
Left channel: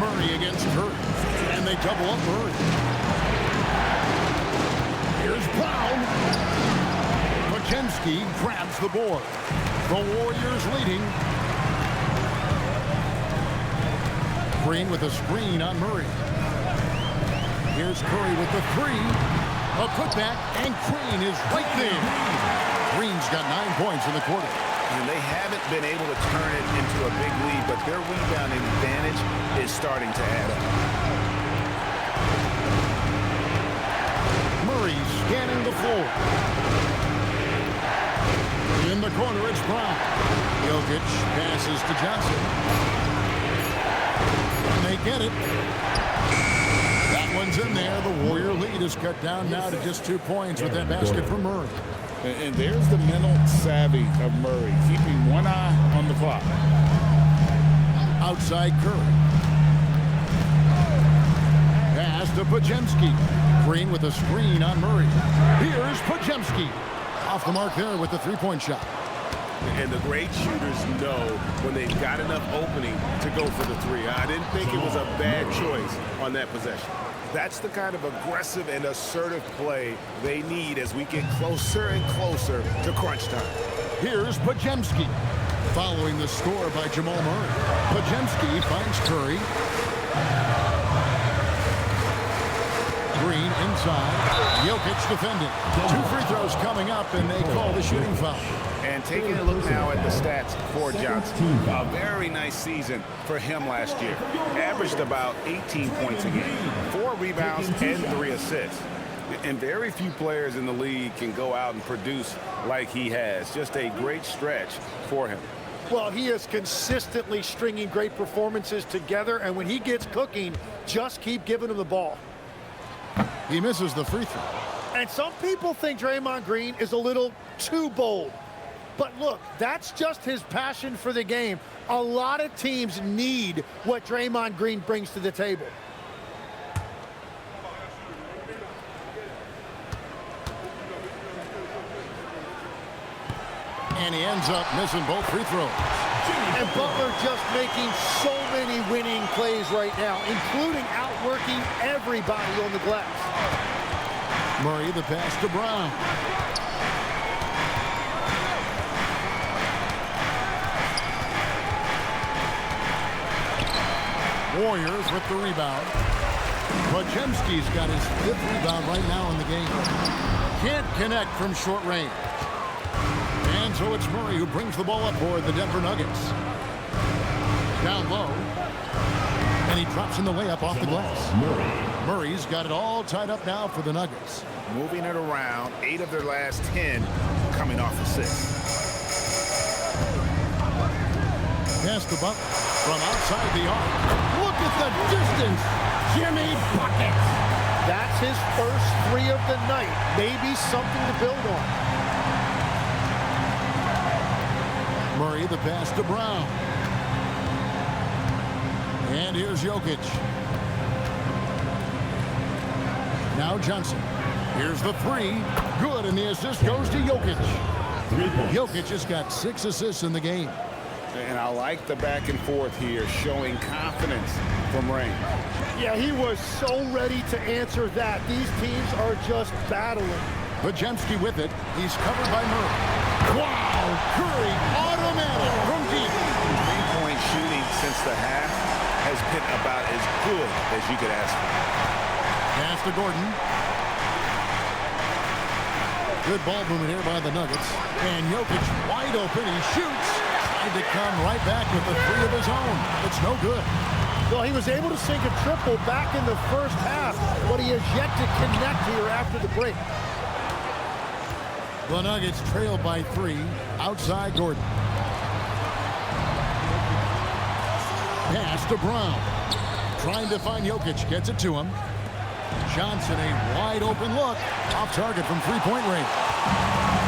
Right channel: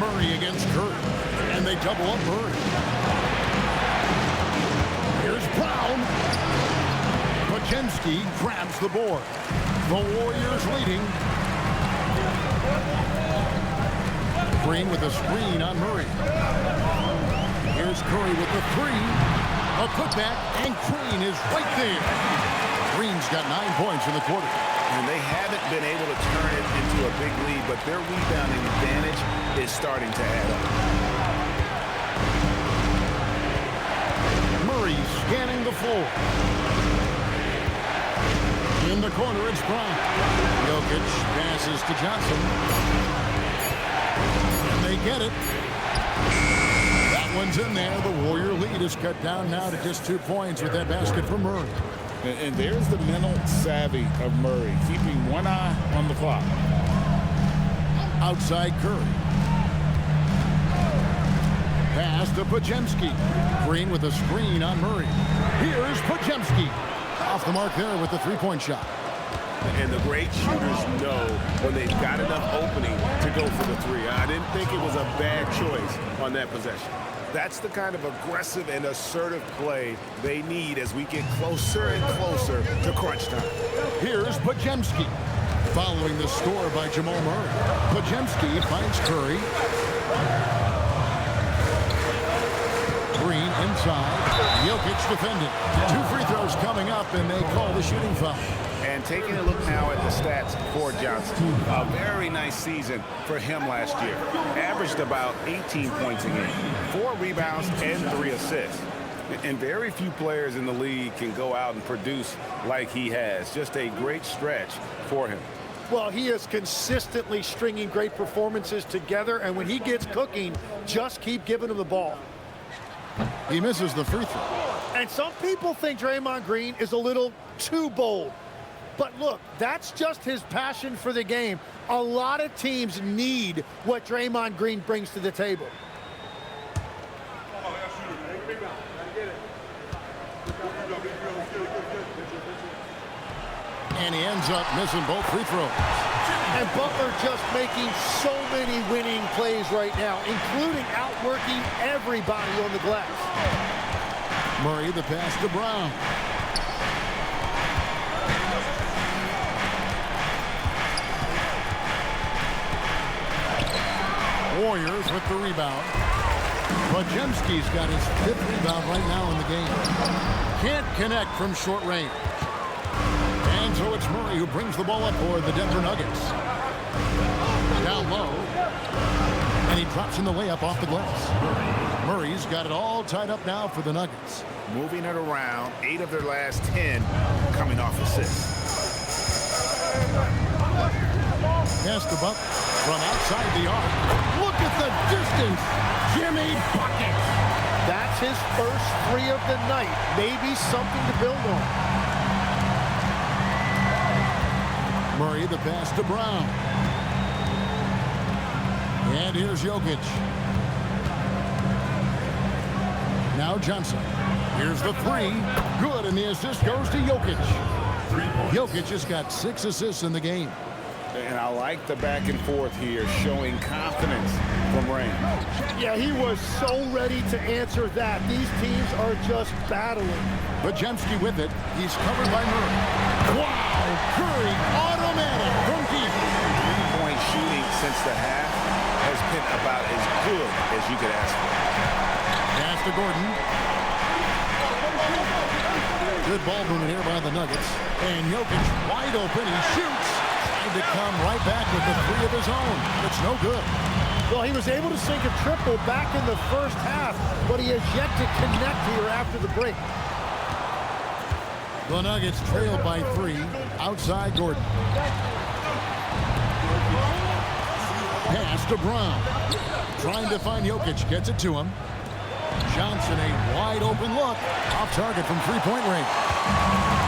Murray against Curry. And they double up Murray. Here's Brown. Podziemski grabs the board. The Warriors leading. Green with a screen on Murray. Here's Curry with the 3. A putback, and Green is right there. Green's got 9 points in the quarter. And they haven't been able to turn it into a big lead, but their rebounding advantage is starting to add up. Murray scanning the floor. In the corner, it's Brown. Jokic passes to Johnson. And they get it. That one's in there. The Warrior lead is cut down now to just 2 points with that basket from Murray. And there's the mental savvy of Murray, keeping one eye on the clock. Outside Curry. Pass to Podziemski. Green with a screen on Murray. Here's Podziemski. Off the mark there with the 3-point shot. And the great shooters know when they've got enough opening to go for the 3. I didn't think it was a bad choice on that possession. That's the kind of aggressive and assertive play they need as we get closer and closer to crunch time. Here's Podziemski. Following the score by Jamal Murray. Podziemski finds Curry. Green inside. Jokic defending. 2 free throws coming up, and they call the shooting foul. And taking a look now at the stats for Johnson. A very nice season for him last year. Averaged about 18 points a game, 4 rebounds, and 3 assists. And very few players in the league can go out and produce like he has. Just a great stretch for him. Well, he is consistently stringing great performances together, and when he gets cooking, just keep giving him the ball. He misses the free throw. And some people think Draymond Green is a little too bold. But look, that's just his passion for the game. A lot of teams need what Draymond Green brings to the table. And he ends up missing both free throws. And Butler just making so many winning plays right now, including outworking everybody on the glass. Murray the pass to Brown. Warriors with the rebound. Podziemski's got his 5th rebound right now in the game. Can't connect from short range. And so it's Murray who brings the ball up for the Denver Nuggets. Down low. And he drops in the layup off the glass. Murray's got it all tied up now for the Nuggets. Moving it around, 8 of their last 10 coming off assists. Pass to Butler from outside the arc. Look at the distance. Jimmy buckets. That's his first 3 of the night. Maybe something to build on. Murray the pass to Brown. And here's Jokic. Now Johnson. Here's the 3. Good, and the assist goes to Jokic. Jokic has got 6 assists in the game. And I like the back and forth here, showing confidence from range. Yeah, he was so ready to answer that. These teams are just battling. Podziemski with it. He's covered by Murray. Wow! Curry automatic from deep. 3-point shooting since the half has been about as good as you could ask for. Pass to Gordon. Good ball movement here by the Nuggets. And Jokic wide open. He shoots. Tried to come right back with the 3 of his own. It's no good. Well, he was able to sink a triple back in the first half, but he has yet to connect here after the break. The Nuggets trail by 3. Outside Gordon. Pass to Brown. Trying to find Jokic. Gets it to him. Johnson, a wide open look. Off target from 3-point range.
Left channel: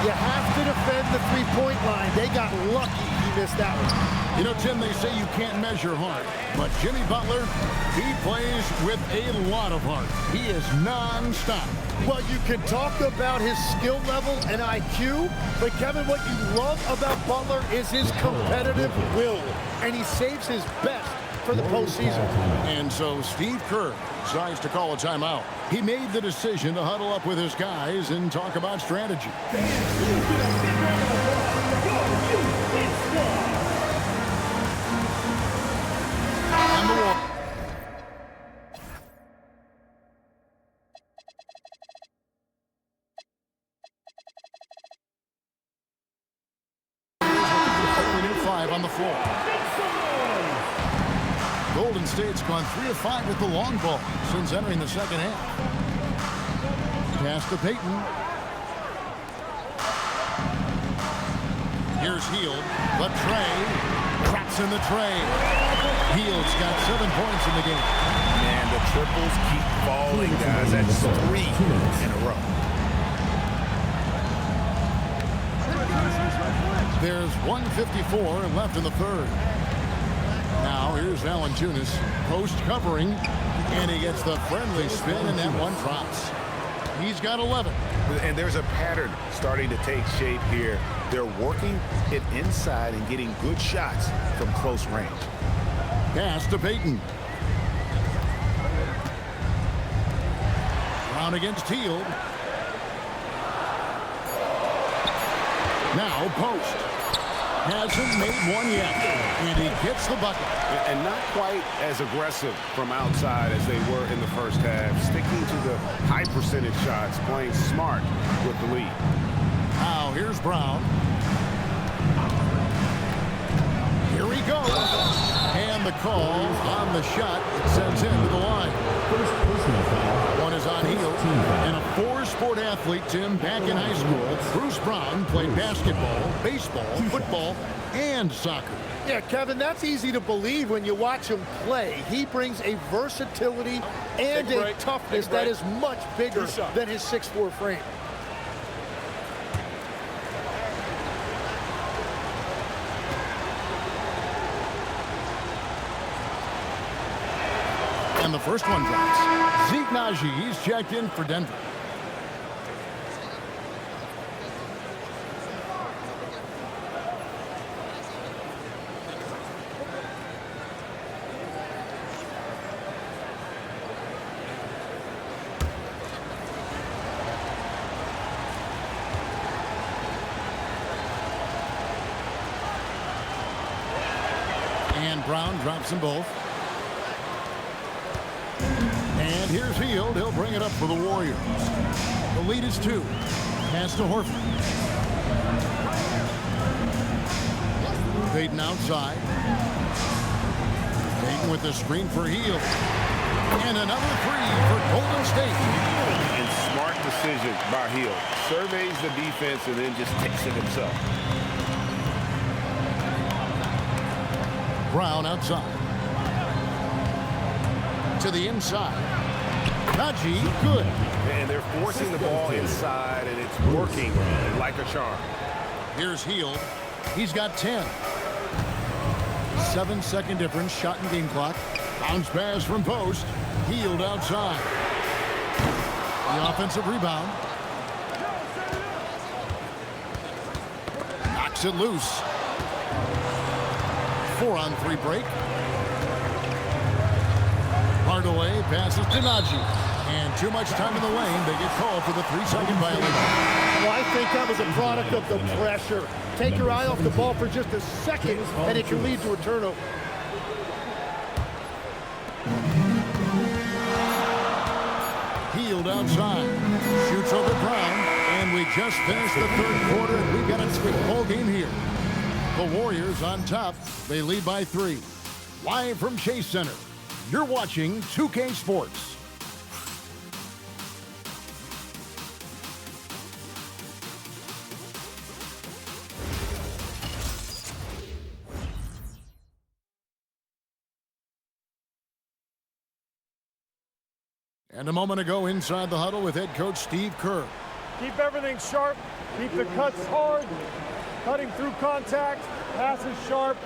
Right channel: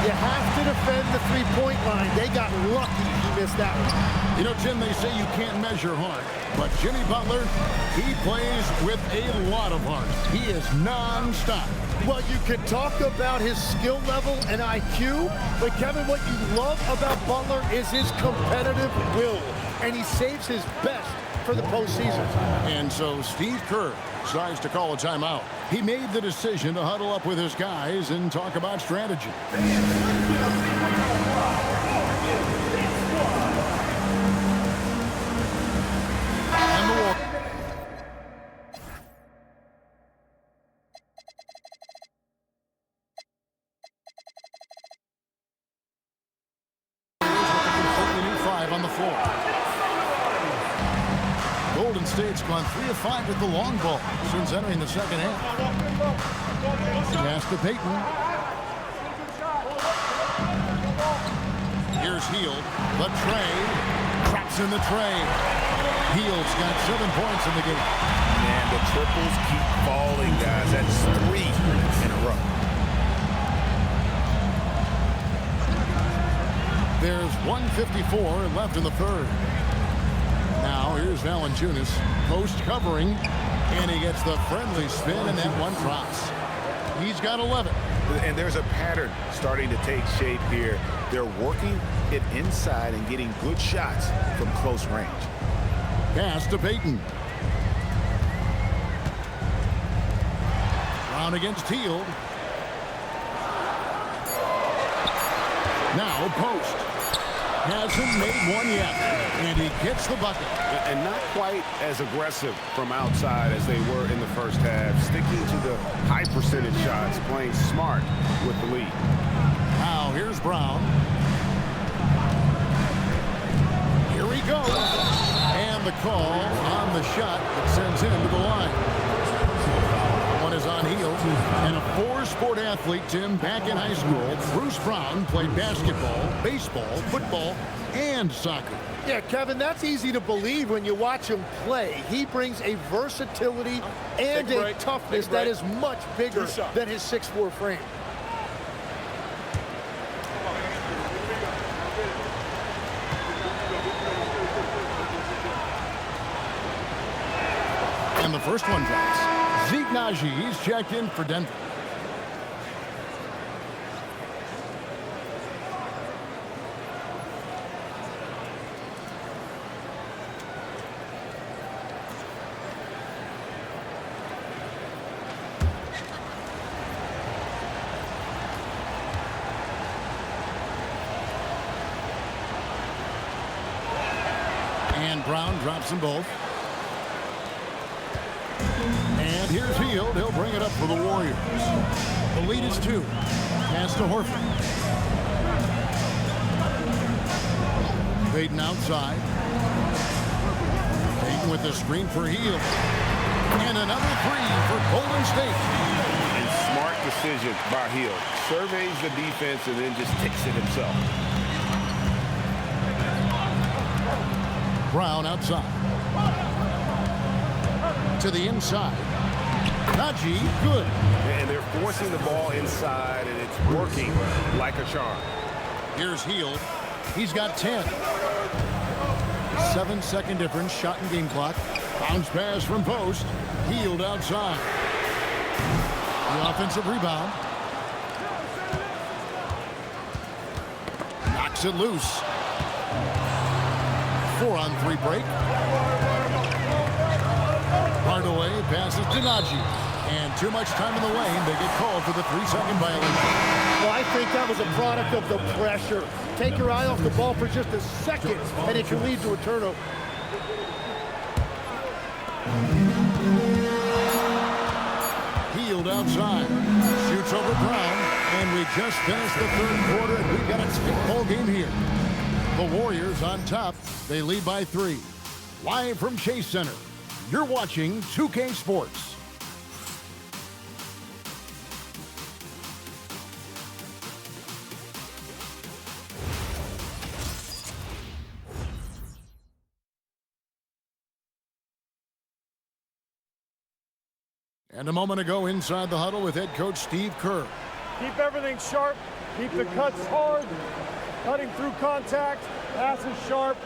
You have to defend the 3-point line. They got lucky he missed that one. You know, Tim, they say you can't measure heart, but Jimmy Butler, he plays with a lot of heart. He is non-stop. Well, you can talk about his skill level and IQ, but Kevin, what you love about Butler is his competitive will, and he saves his best for the postseason. And so Steve Kerr decides to call a timeout. He made the decision to huddle up with his guys and talk about strategy. And the Warriors. Completely new 5 on the floor. Golden State's gone 3 of 5 with the long ball since entering the second half. Pass to Payton. Here's Hield. The tray. Traps in the tray. Hield's got 7 points in the game. Man, the triples keep falling, guys. That's 3 in a row. There's 1:54 left in the third. Now here's Valanciunas, post covering, and he gets the friendly spin, and that one drops. He's got 11. And there's a pattern starting to take shape here. They're working it inside and getting good shots from close range. Pass to Payton. Brown against Hield. Now post. Hasn't made one yet. And he gets the bucket. And not quite as aggressive from outside as they were in the first half. Sticking to the high percentage shots, playing smart with the lead. Now here's Brown. Here he goes. And the call on the shot that sends him to the line. One is on Hield. And a four-sport athlete, Tim, back in high school. Bruce Brown played basketball, baseball, football, and soccer. Yeah, Kevin, that's easy to believe when you watch him play. He brings a versatility and a toughness that is much bigger than his 6'4" frame. And the first one drops. Zeke Naji, he's checked in for Denver. And Brown drops them both. And here's Hield. He'll bring it up for the Warriors. The lead is 2. Pass to Horford. Payton outside. Payton with the screen for Hield. And another 3 for Golden State. And smart decision by Hield. Surveys the defense and then just takes it himself. Brown outside. To the inside. Naji, good. And they're forcing the ball inside, and it's working like a charm. Here's Hield. He's got 10. 7-second difference, shot and game clock. Bounce pass from post. Hield outside. The offensive rebound. Knocks it loose. 4-on-3 break. Hardaway passes to Naji. And too much time in the lane. They get called for the 3-second violation. Well, I think that was a product of the pressure. Take your eye off the ball for just a second, and it can lead to a turnover. Hield outside. Shoots over Brown. And we just finished the third quarter, and we've got a tight ball game here. The Warriors on top. They lead by 3. Live from Chase Center, you're watching 2K Sports. And a moment ago inside the huddle with head coach Steve Kerr. Keep everything sharp. Keep the cuts hard. Cutting through contact. Passes sharp.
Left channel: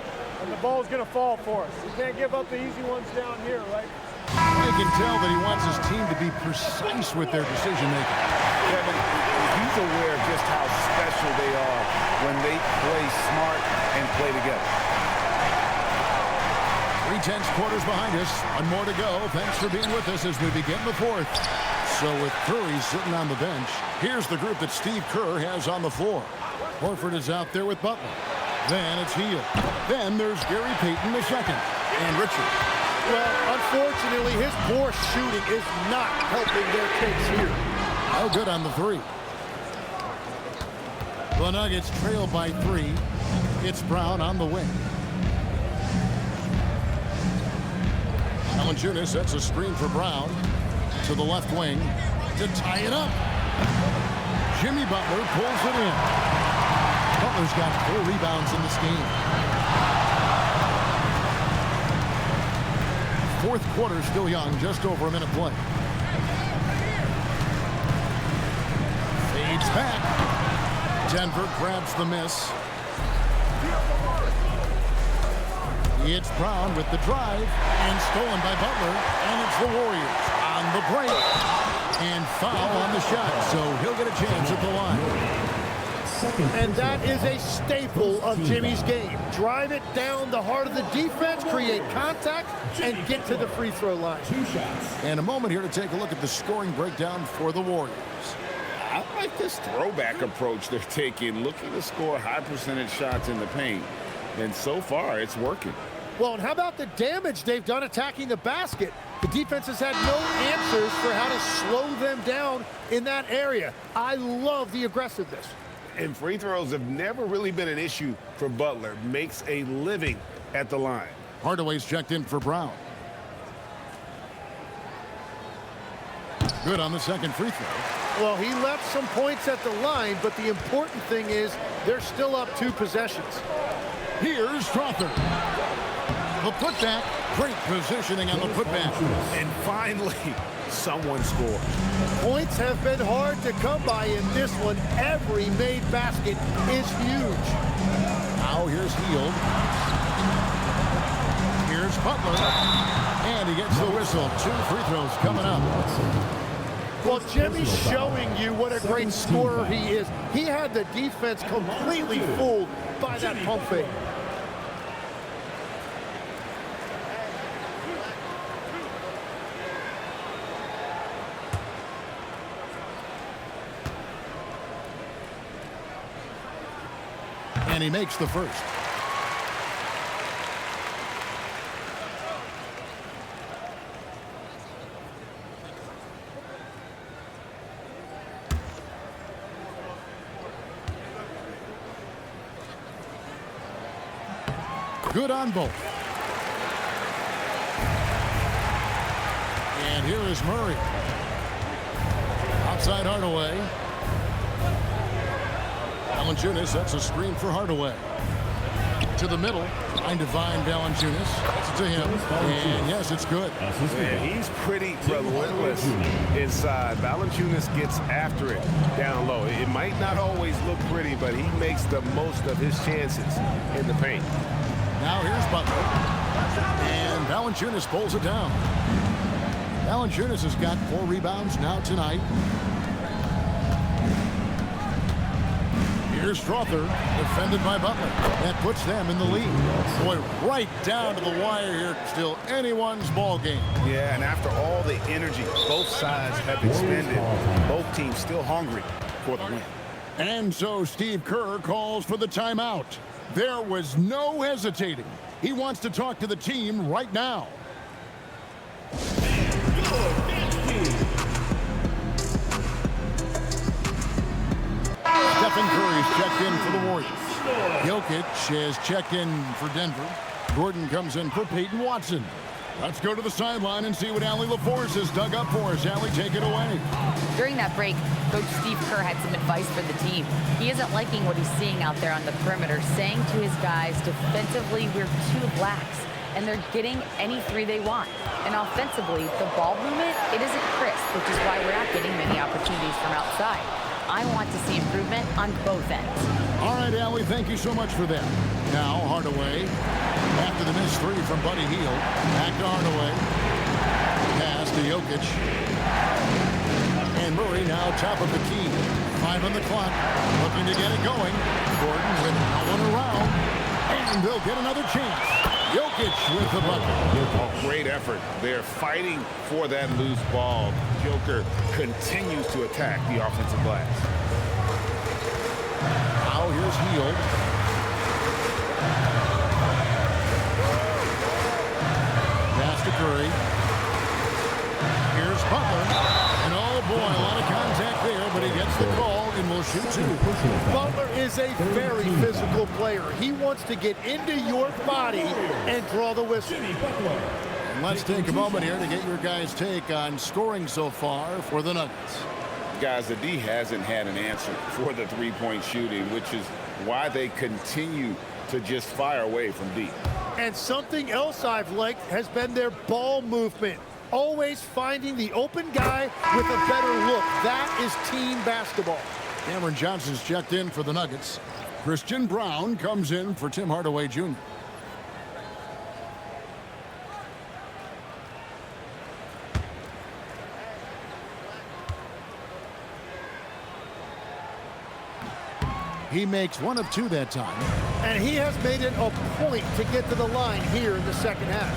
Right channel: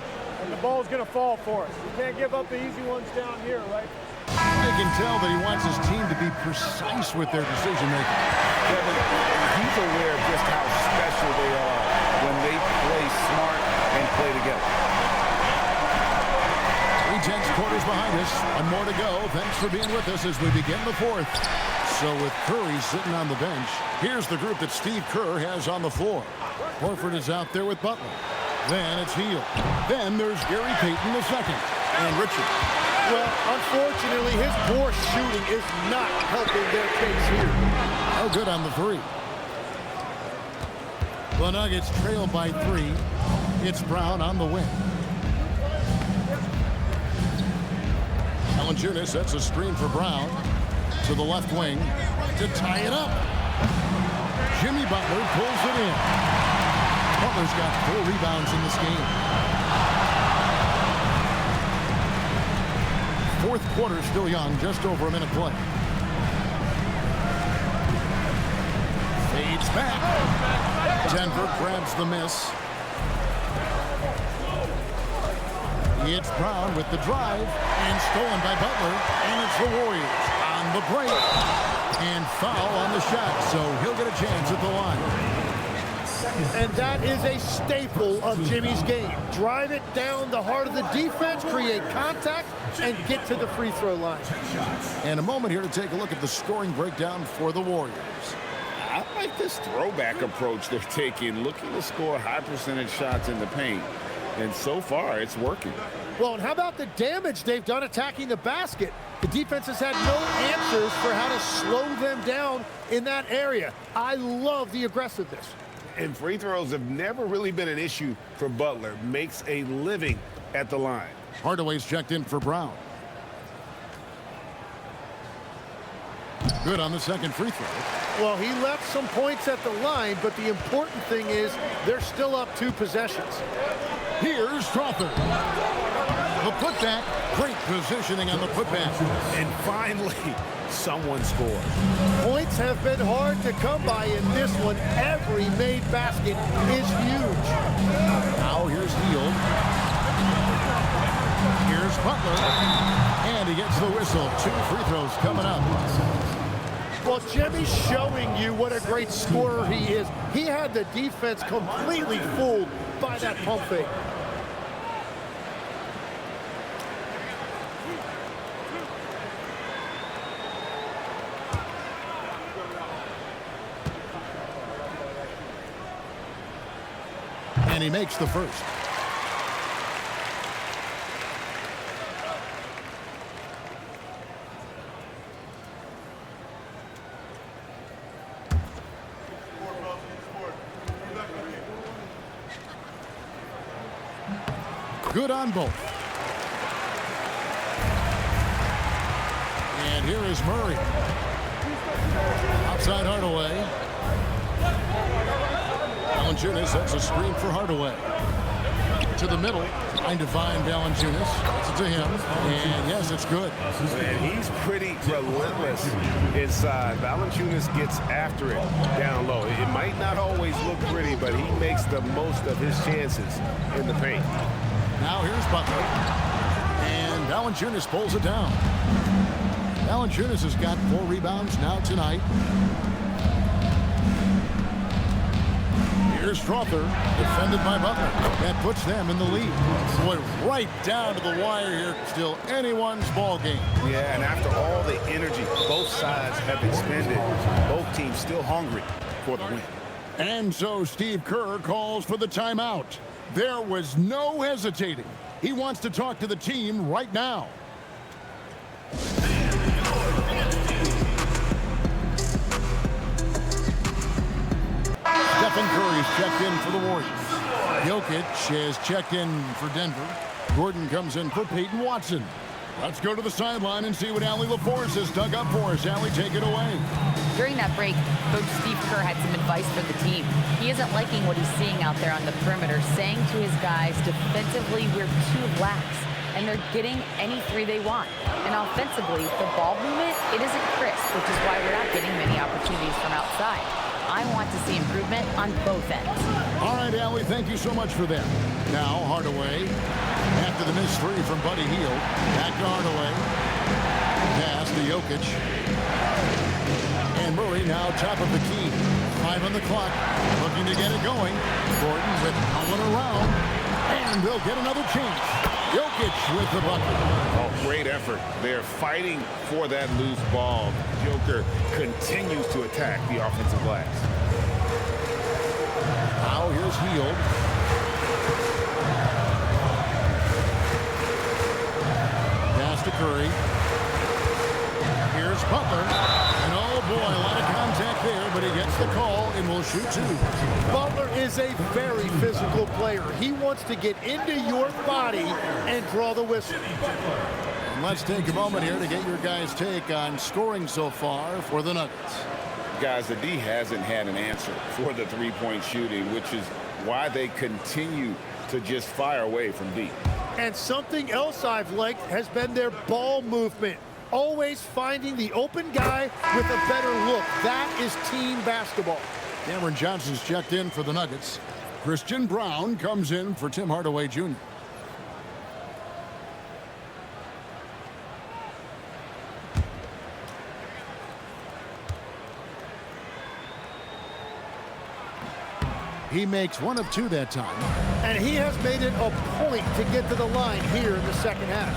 And the ball's going to fall for us. You can't give up the easy ones down here, right? I can tell that he wants his team to be precise with their decision-making. Kevin, he's aware of just how special they are when they play smart and play together. 3/10 quarters behind us. One more to go. Thanks for being with us as we begin the fourth. So with Curry sitting on the bench, here's the group that Steve Kerr has on the floor. Horford is out there with Butler. Then it's Hield. Then there's Gary Payton II and Richard. Well, unfortunately, his poor shooting is not helping their case here. No good on the 3. The Nuggets trail by 3. It's Brown on the wing. Valanciunas sets a screen for Brown to the left wing to tie it up. Jimmy Butler pulls it in. Butler's got 4 rebounds in this game. Fourth quarter still young, just over a minute play. Fades back. Denver grabs the miss. It's Brown with the drive and stolen by Butler, and it's the Warriors on the break and foul on the shot, so he'll get a chance at the line. And that is a staple of Jimmy's game. Drive it down the heart of the defense, create contact, and get to the free throw line. And a moment here to take a look at the scoring breakdown for the Warriors. I like this throwback approach they're taking, looking to score high percentage shots in the paint. And so far, it's working. Well, and how about the damage they've done attacking the basket? The defense has had no answers for how to slow them down in that area. I love the aggressiveness. And free throws have never really been an issue for Butler. Makes a living at the line. Hardaway's checked in for Brown. Good on the second free throw. Well, he left some points at the line, but the important thing is they're still up 2 possessions. Here's Strother. The putback. Great positioning on the putback. And finally, someone scores. Points have been hard to come by in this one. Every made basket is huge. Now here's Hield. Here's Butler. And he gets the whistle. 2 free throws coming up. Well, Jimmy's showing you what a great scorer he is. He had the defense completely fooled by that pump fake. And he makes the first. Good on both. And here is Murray. Outside Hardaway. Valanciunas sets a screen for Hardaway. To the middle, trying to find Valanciunas. Gets it to him, and yes, it's good. Man, he's pretty relentless inside. Valanciunas gets after it down low. It might not always look pretty, but he makes the most of his chances in the paint. Now here's Butler, and Valanciunas pulls it down. Valanciunas has got 4 rebounds now tonight. Here's Strother, defended by Butler. That puts them in the lead. Boy, right down to the wire here. Still anyone's ball game. Yeah, and after all the energy both sides have expended, both teams still hungry for the win. And so Steve Kerr calls for the timeout. There was no hesitating. He wants to talk to the team right now. Stephen Curry's checked in for the Warriors. Jokic has checked in for Denver. Gordon comes in for Peyton Watson. Let's go to the sideline and see what Allie LaForce has dug up for us. Allie, take it away. During that break, Coach Steve Kerr had some advice for the team. He isn't liking what he's seeing out there on the perimeter, saying to his guys, defensively, we're too lax, and they're getting any 3 they want. And offensively, the ball movement, it isn't crisp, which is why we're not getting many opportunities from outside. I want to see improvement on both ends. All right, Allie, thank you so much for that. Now, Hardaway, after the missed 3 from Buddy Hield, back to Hardaway. Pass to Jokic. And Murray now top of the key. 5 on the clock, looking to get it going. Gordon with no one around. And they'll get another chance. Jokic with the bucket. Oh, great effort. They're fighting for that loose ball. Joker continues to attack the offensive glass. Now here's Hield. Pass to Curry. Here's Butler. And oh boy, a lot of contact there, but he gets the call and will shoot 2. Butler is a very physical player. He wants to get into your body and draw the whistle. And let's take a moment here to get your guys' take on scoring so far for the Nuggets. Guys, the D hasn't had an answer for the 3-point shooting, which is why they continue to just fire away from deep. And something else I've liked has been their ball movement. Always finding the open guy with a better look. That is team basketball. Cameron Johnson's checked in for the Nuggets. Christian Brown comes in for Tim Hardaway Jr. He makes one of two that time. And he has made it a point to get to the line here in the second half.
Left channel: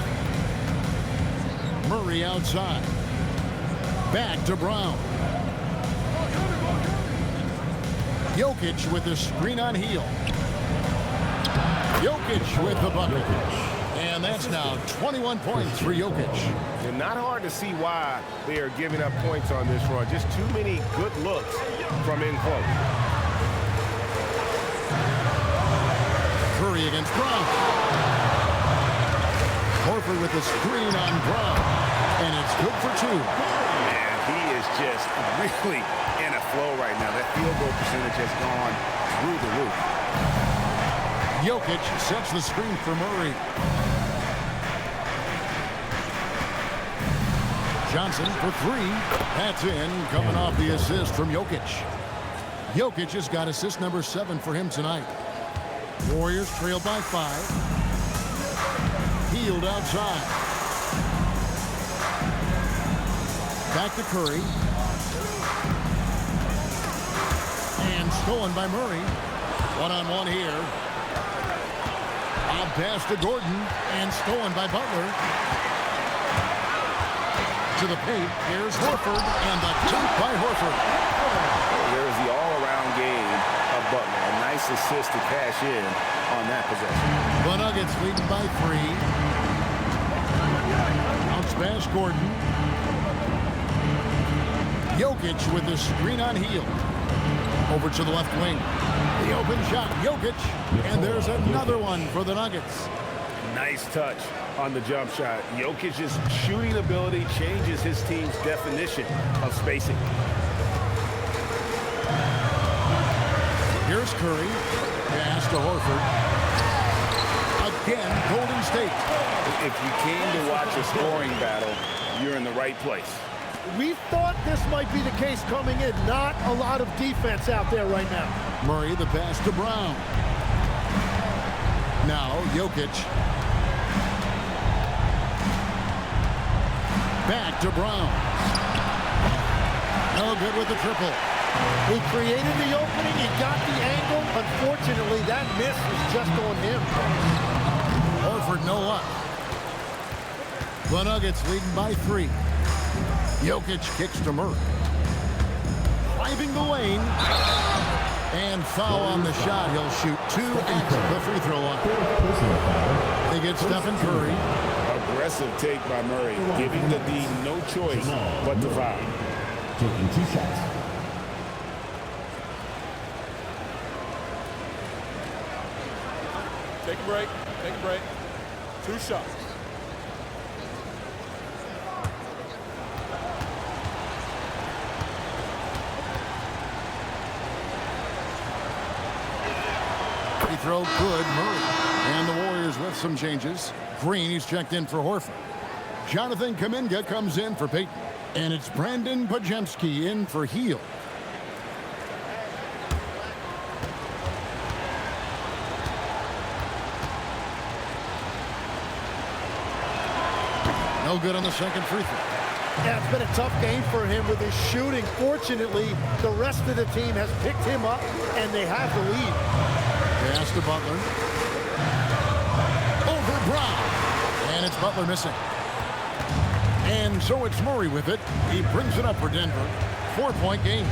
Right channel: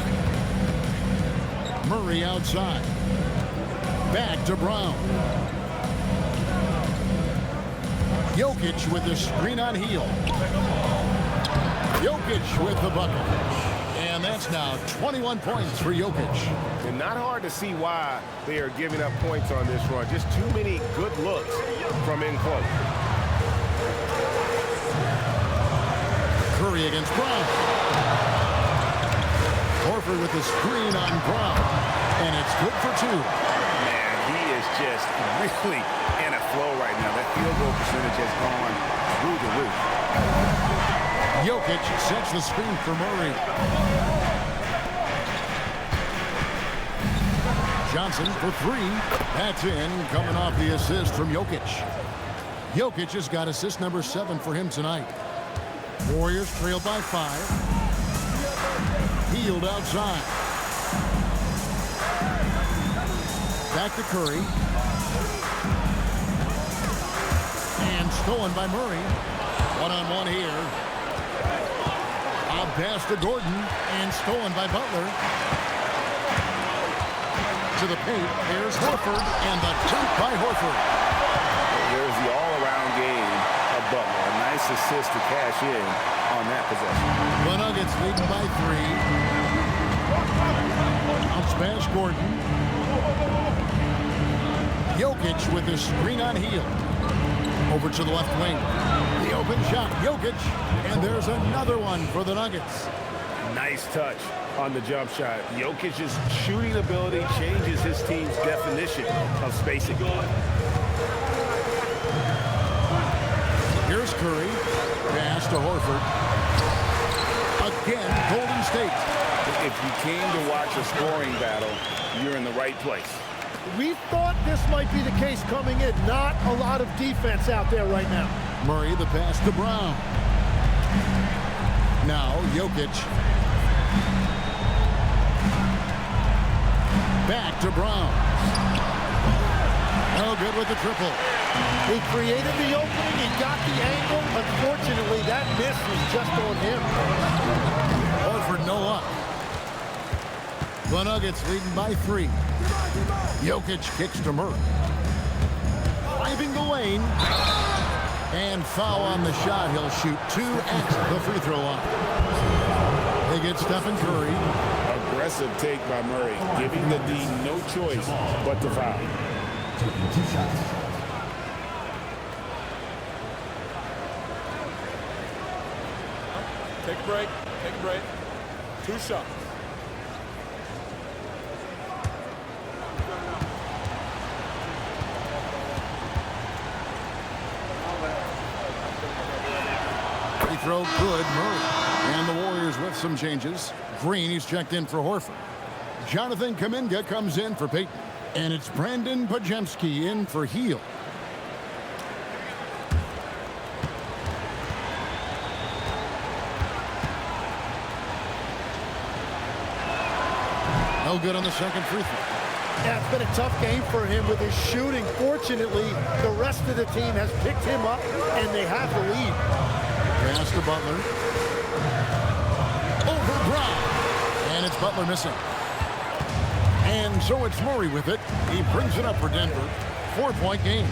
Murray outside. Back to Brown. Jokic with the screen on heel. Jokic with the bucket. And that's now 21 points for Jokic. And not hard to see why they are giving up points on this run. Just too many good looks from in close. Curry against Brown. Horford with the screen on Brown. And it's good for two. Man, he is just really in a flow right now. That field goal percentage has gone through the roof. Jokic sets the screen for Murray. Johnson for three. That's in, coming off the assist from Jokic. Jokic has got assist number 7 for him tonight. Warriors trail by 5. Healed outside. Back to Curry. And stolen by Murray. One-on-one here. A pass to Gordon and stolen by Butler. To the paint. Here's Horford and the dunk by Horford. There's the all-around game of Butler. A nice assist to cash in on that possession. The Nuggets leading by 3. Bounce pass Gordon. Jokic with the screen on heel. Over to the left wing. The open shot, Jokic, and there's another one for the Nuggets. Nice touch on the jump shot. Jokic's shooting ability changes his team's definition of spacing. Here's Curry. Pass to Horford. Again, Golden State. If you came to watch a scoring battle, you're in the right place. We thought this might be the case coming in. Not a lot of defense out there right now. Murray, the pass to Brown. Now, Jokic. Back to Brown. No good with the triple. He created the opening. He got the angle. Unfortunately, that miss is just on him. Horford, no luck. The Nuggets leading by 3. Jokic kicks to Murray. Driving the lane. And foul on the shot. He'll shoot 2 at the free throw line. They get Stephen Curry. Aggressive take by Murray, giving the D no choice but to foul. Taking 2 shots. Take a break. Take a break. 2 shots. Free throw good, Murray. And the Warriors with some changes. Green, he's checked in for Horford. Jonathan Kuminga comes in for Payton. And it's Brandon Pajemski in for Heel. No good on the second free throw. Yeah, it's been a tough game for him with his shooting. Fortunately, the rest of the team has picked him up, and they have the lead. Pass to Butler. Over Brown. And it's Butler missing. And so it's Murray with it. He brings it up for Denver. 4-point game.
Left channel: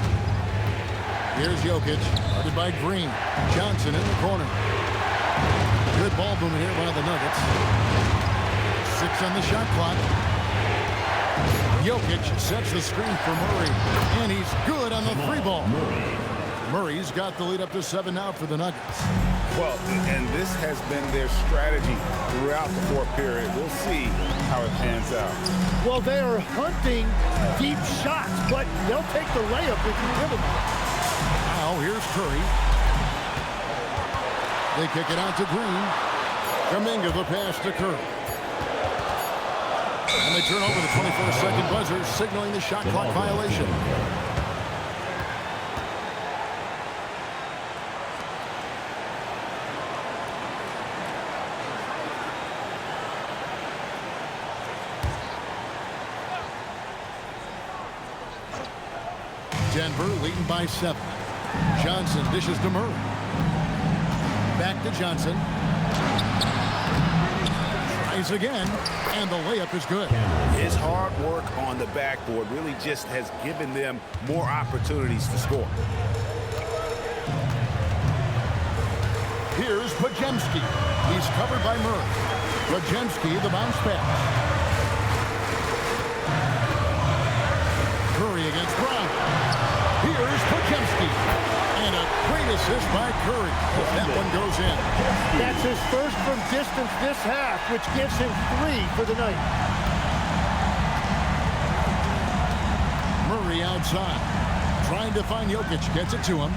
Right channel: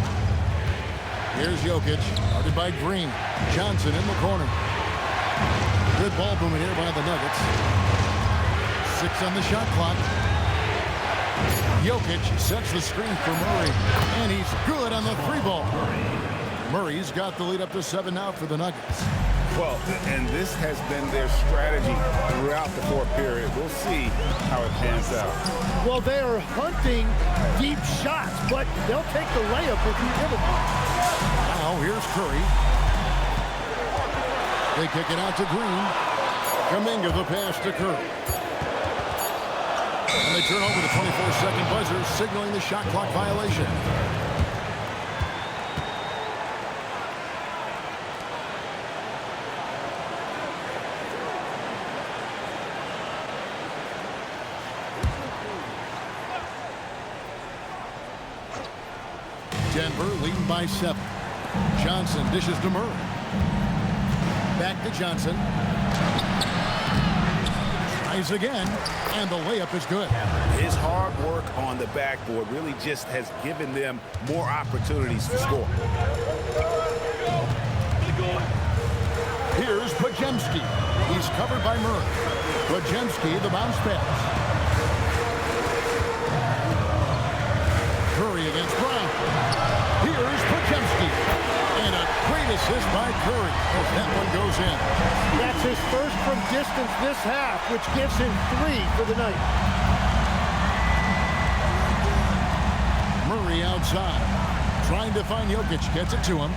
Here's Jokic, guarded by Green. Johnson in the corner. Good ball movement here by the Nuggets. 6 on the shot clock. Jokic sets the screen for Murray. And he's good on the 3-ball. Murray's got the lead up to 7 now for the Nuggets. Well, and this has been their strategy throughout the 4th period. We'll see how it pans out. Well, they are hunting deep shots, but they'll take the layup if you give them one. Now, here's Curry. They kick it out to Green. Kuminga the pass to Curry. And they turn over the 24-second buzzer, signaling the shot clock violation. Denver leading by 7. Johnson dishes to Murray. Back to Johnson. Tries again, and the layup is good. His hard work on the backboard really just has given them more opportunities to score. Here's Pajemski. He's covered by Murray. Pajemski, the bounce pass. Curry against Brown. Here's Pajemski. And a great assist by Curry as that one goes in. That's his first from distance this half, which gives him 3 for the night. Murray outside. Trying to find Jokic. Gets it to him.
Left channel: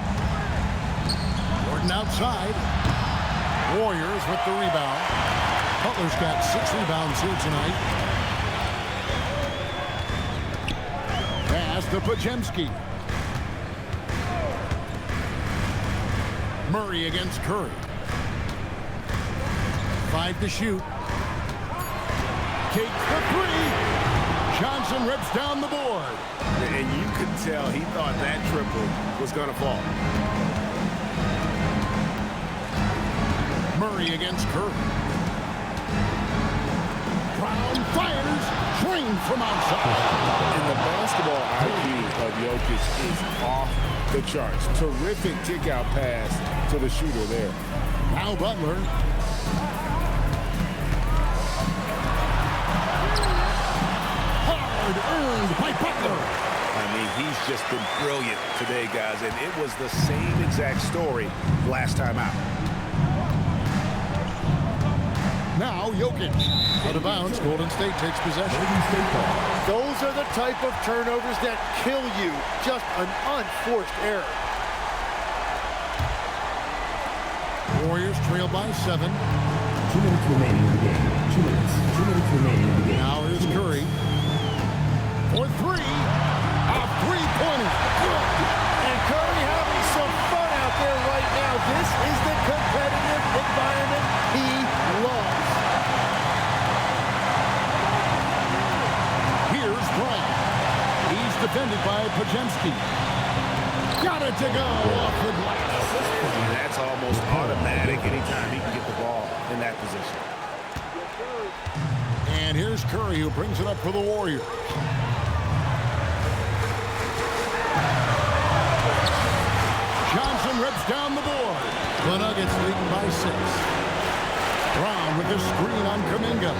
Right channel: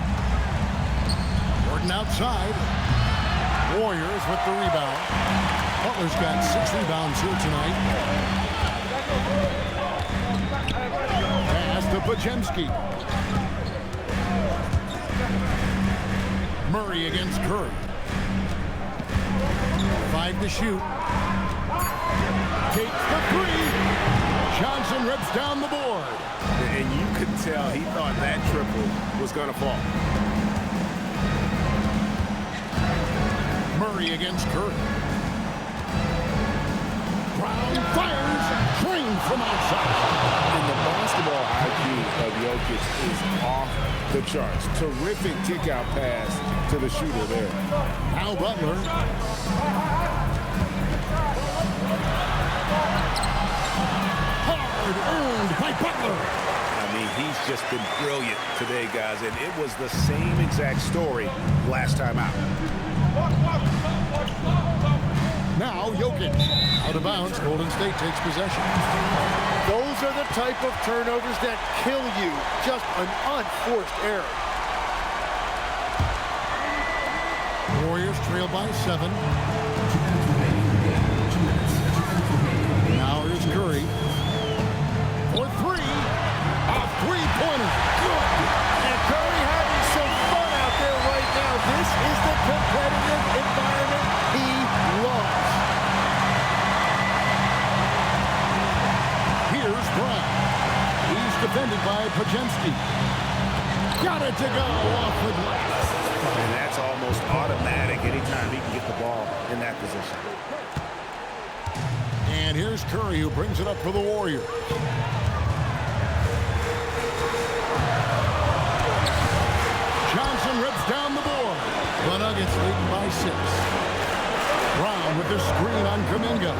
Gordon outside. Warriors with the rebound. Butler's got 6 rebounds here tonight. Pass to Pajemski. Murray against Curry. 5 to shoot. Takes the 3. Johnson rips down the board. And you could tell he thought that triple was going to fall. Murray against Curry. Brown fires. Drained from outside. And the basketball IQ of Jokic is off the charts. Terrific kick-out pass to the shooter there. Now Butler. Hard earned by Butler. I mean, he's just been brilliant today, guys, and it was the same exact story last time out. Now Jokic. Out of bounds. Golden State takes possession. Those are the type of turnovers that kill you. Just an unforced error. Warriors trail by 7. 2 minutes remaining in the game. 2 minutes. 2 minutes remaining in the game. Now here's Curry. For 3. A three-pointer. Good. And Curry having some fun out there right now. This is the competitive environment he loves. Here's Brown. He's defended by Pajemski. Got it to go off the glass. And that's almost automatic anytime he can get the ball in that position. And here's Curry, who brings it up for the Warriors. Johnson rips down the board. The Nuggets leading by 6. Brown with the screen on Kuminga.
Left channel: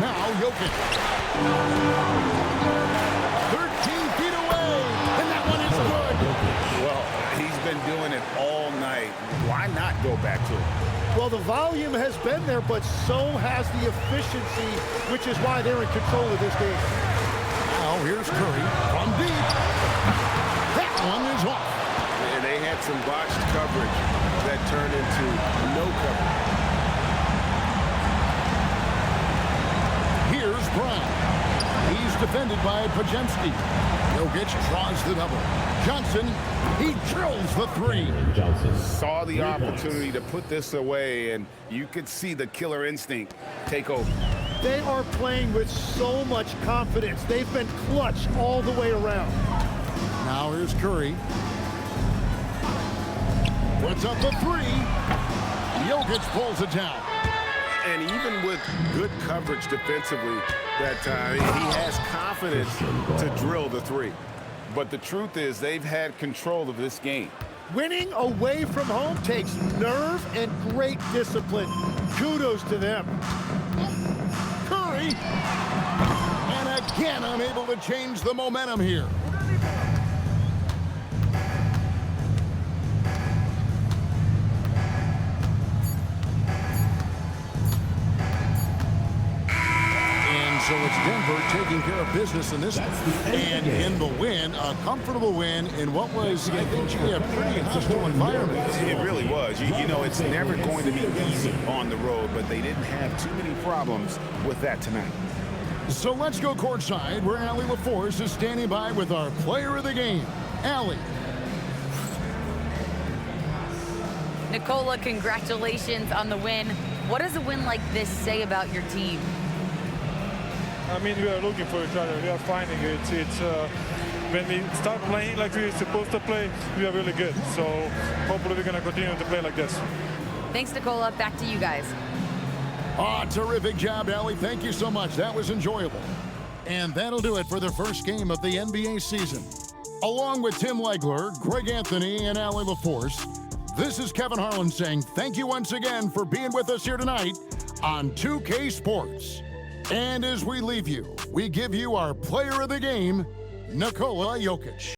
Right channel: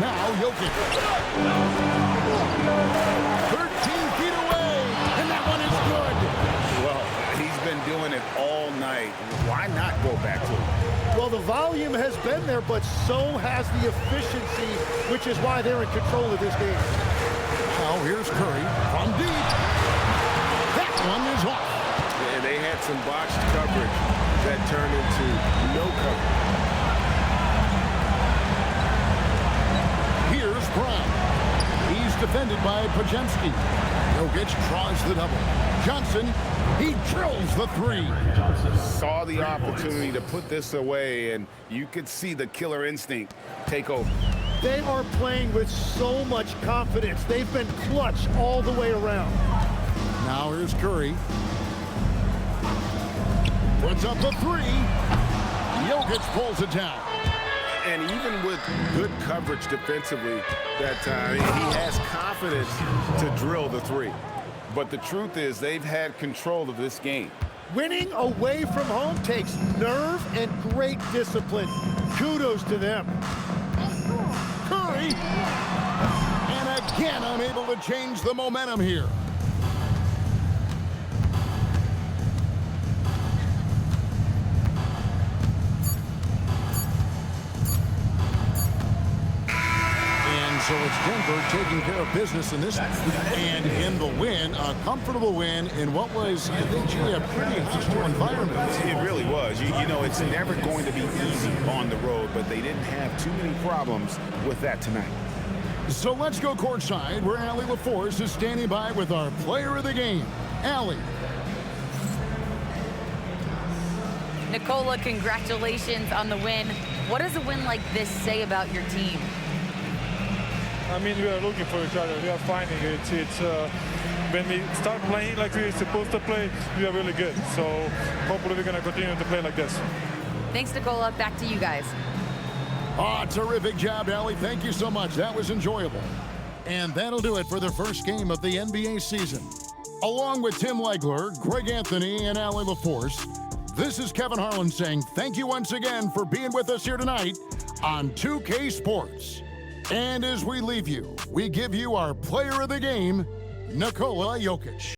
Now Jokic. 13 feet away, and that one is good. Well, he's been doing it all night. Why not go back to it? Well, the volume has been there, but so has the efficiency, which is why they're in control of this game. Now here's Curry from deep. That one is off. And they had some botched coverage that turned into no coverage. Here's Brown. He's defended by Pajemski. Jokic draws the double. Johnson, he drills the 3. Johnson Saw the opportunity to put this away, and you could see the killer instinct take over. They are playing with so much confidence. They've been clutch all the way around. Now here's Curry. Puts up the 3. Jokic pulls it down. And even with good coverage defensively that time, he has confidence to drill the 3. But the truth is they've had control of this game. Winning away from home takes nerve and great discipline. Kudos to them. Curry. And again unable to change the momentum here. And so it's Denver taking care of business in this, and in the win, a comfortable win in what was, I think, a pretty hostile environment. It really was. You know, it's never going to be easy on the road, but they didn't have too many problems with that tonight. So let's go courtside, where Allie LaForce is standing by with our player of the game. Allie. Nicola, congratulations on the win. What does a win like this say about your team? I mean, we are looking for each other. We are finding it. When we start playing like we're supposed to play, we are really good. So hopefully we're going to continue to play like this. Thanks, Nicola. Back to you guys. Terrific job, Allie. Thank you so much. That was enjoyable. And that'll do it for the first game of the NBA season. Along with Tim Legler, Greg Anthony, and Allie LaForce, this is Kevin Harlan saying thank you once again for being with us here tonight on 2K Sports. And as we leave you, we give you our player of the game, Nikola Jokic.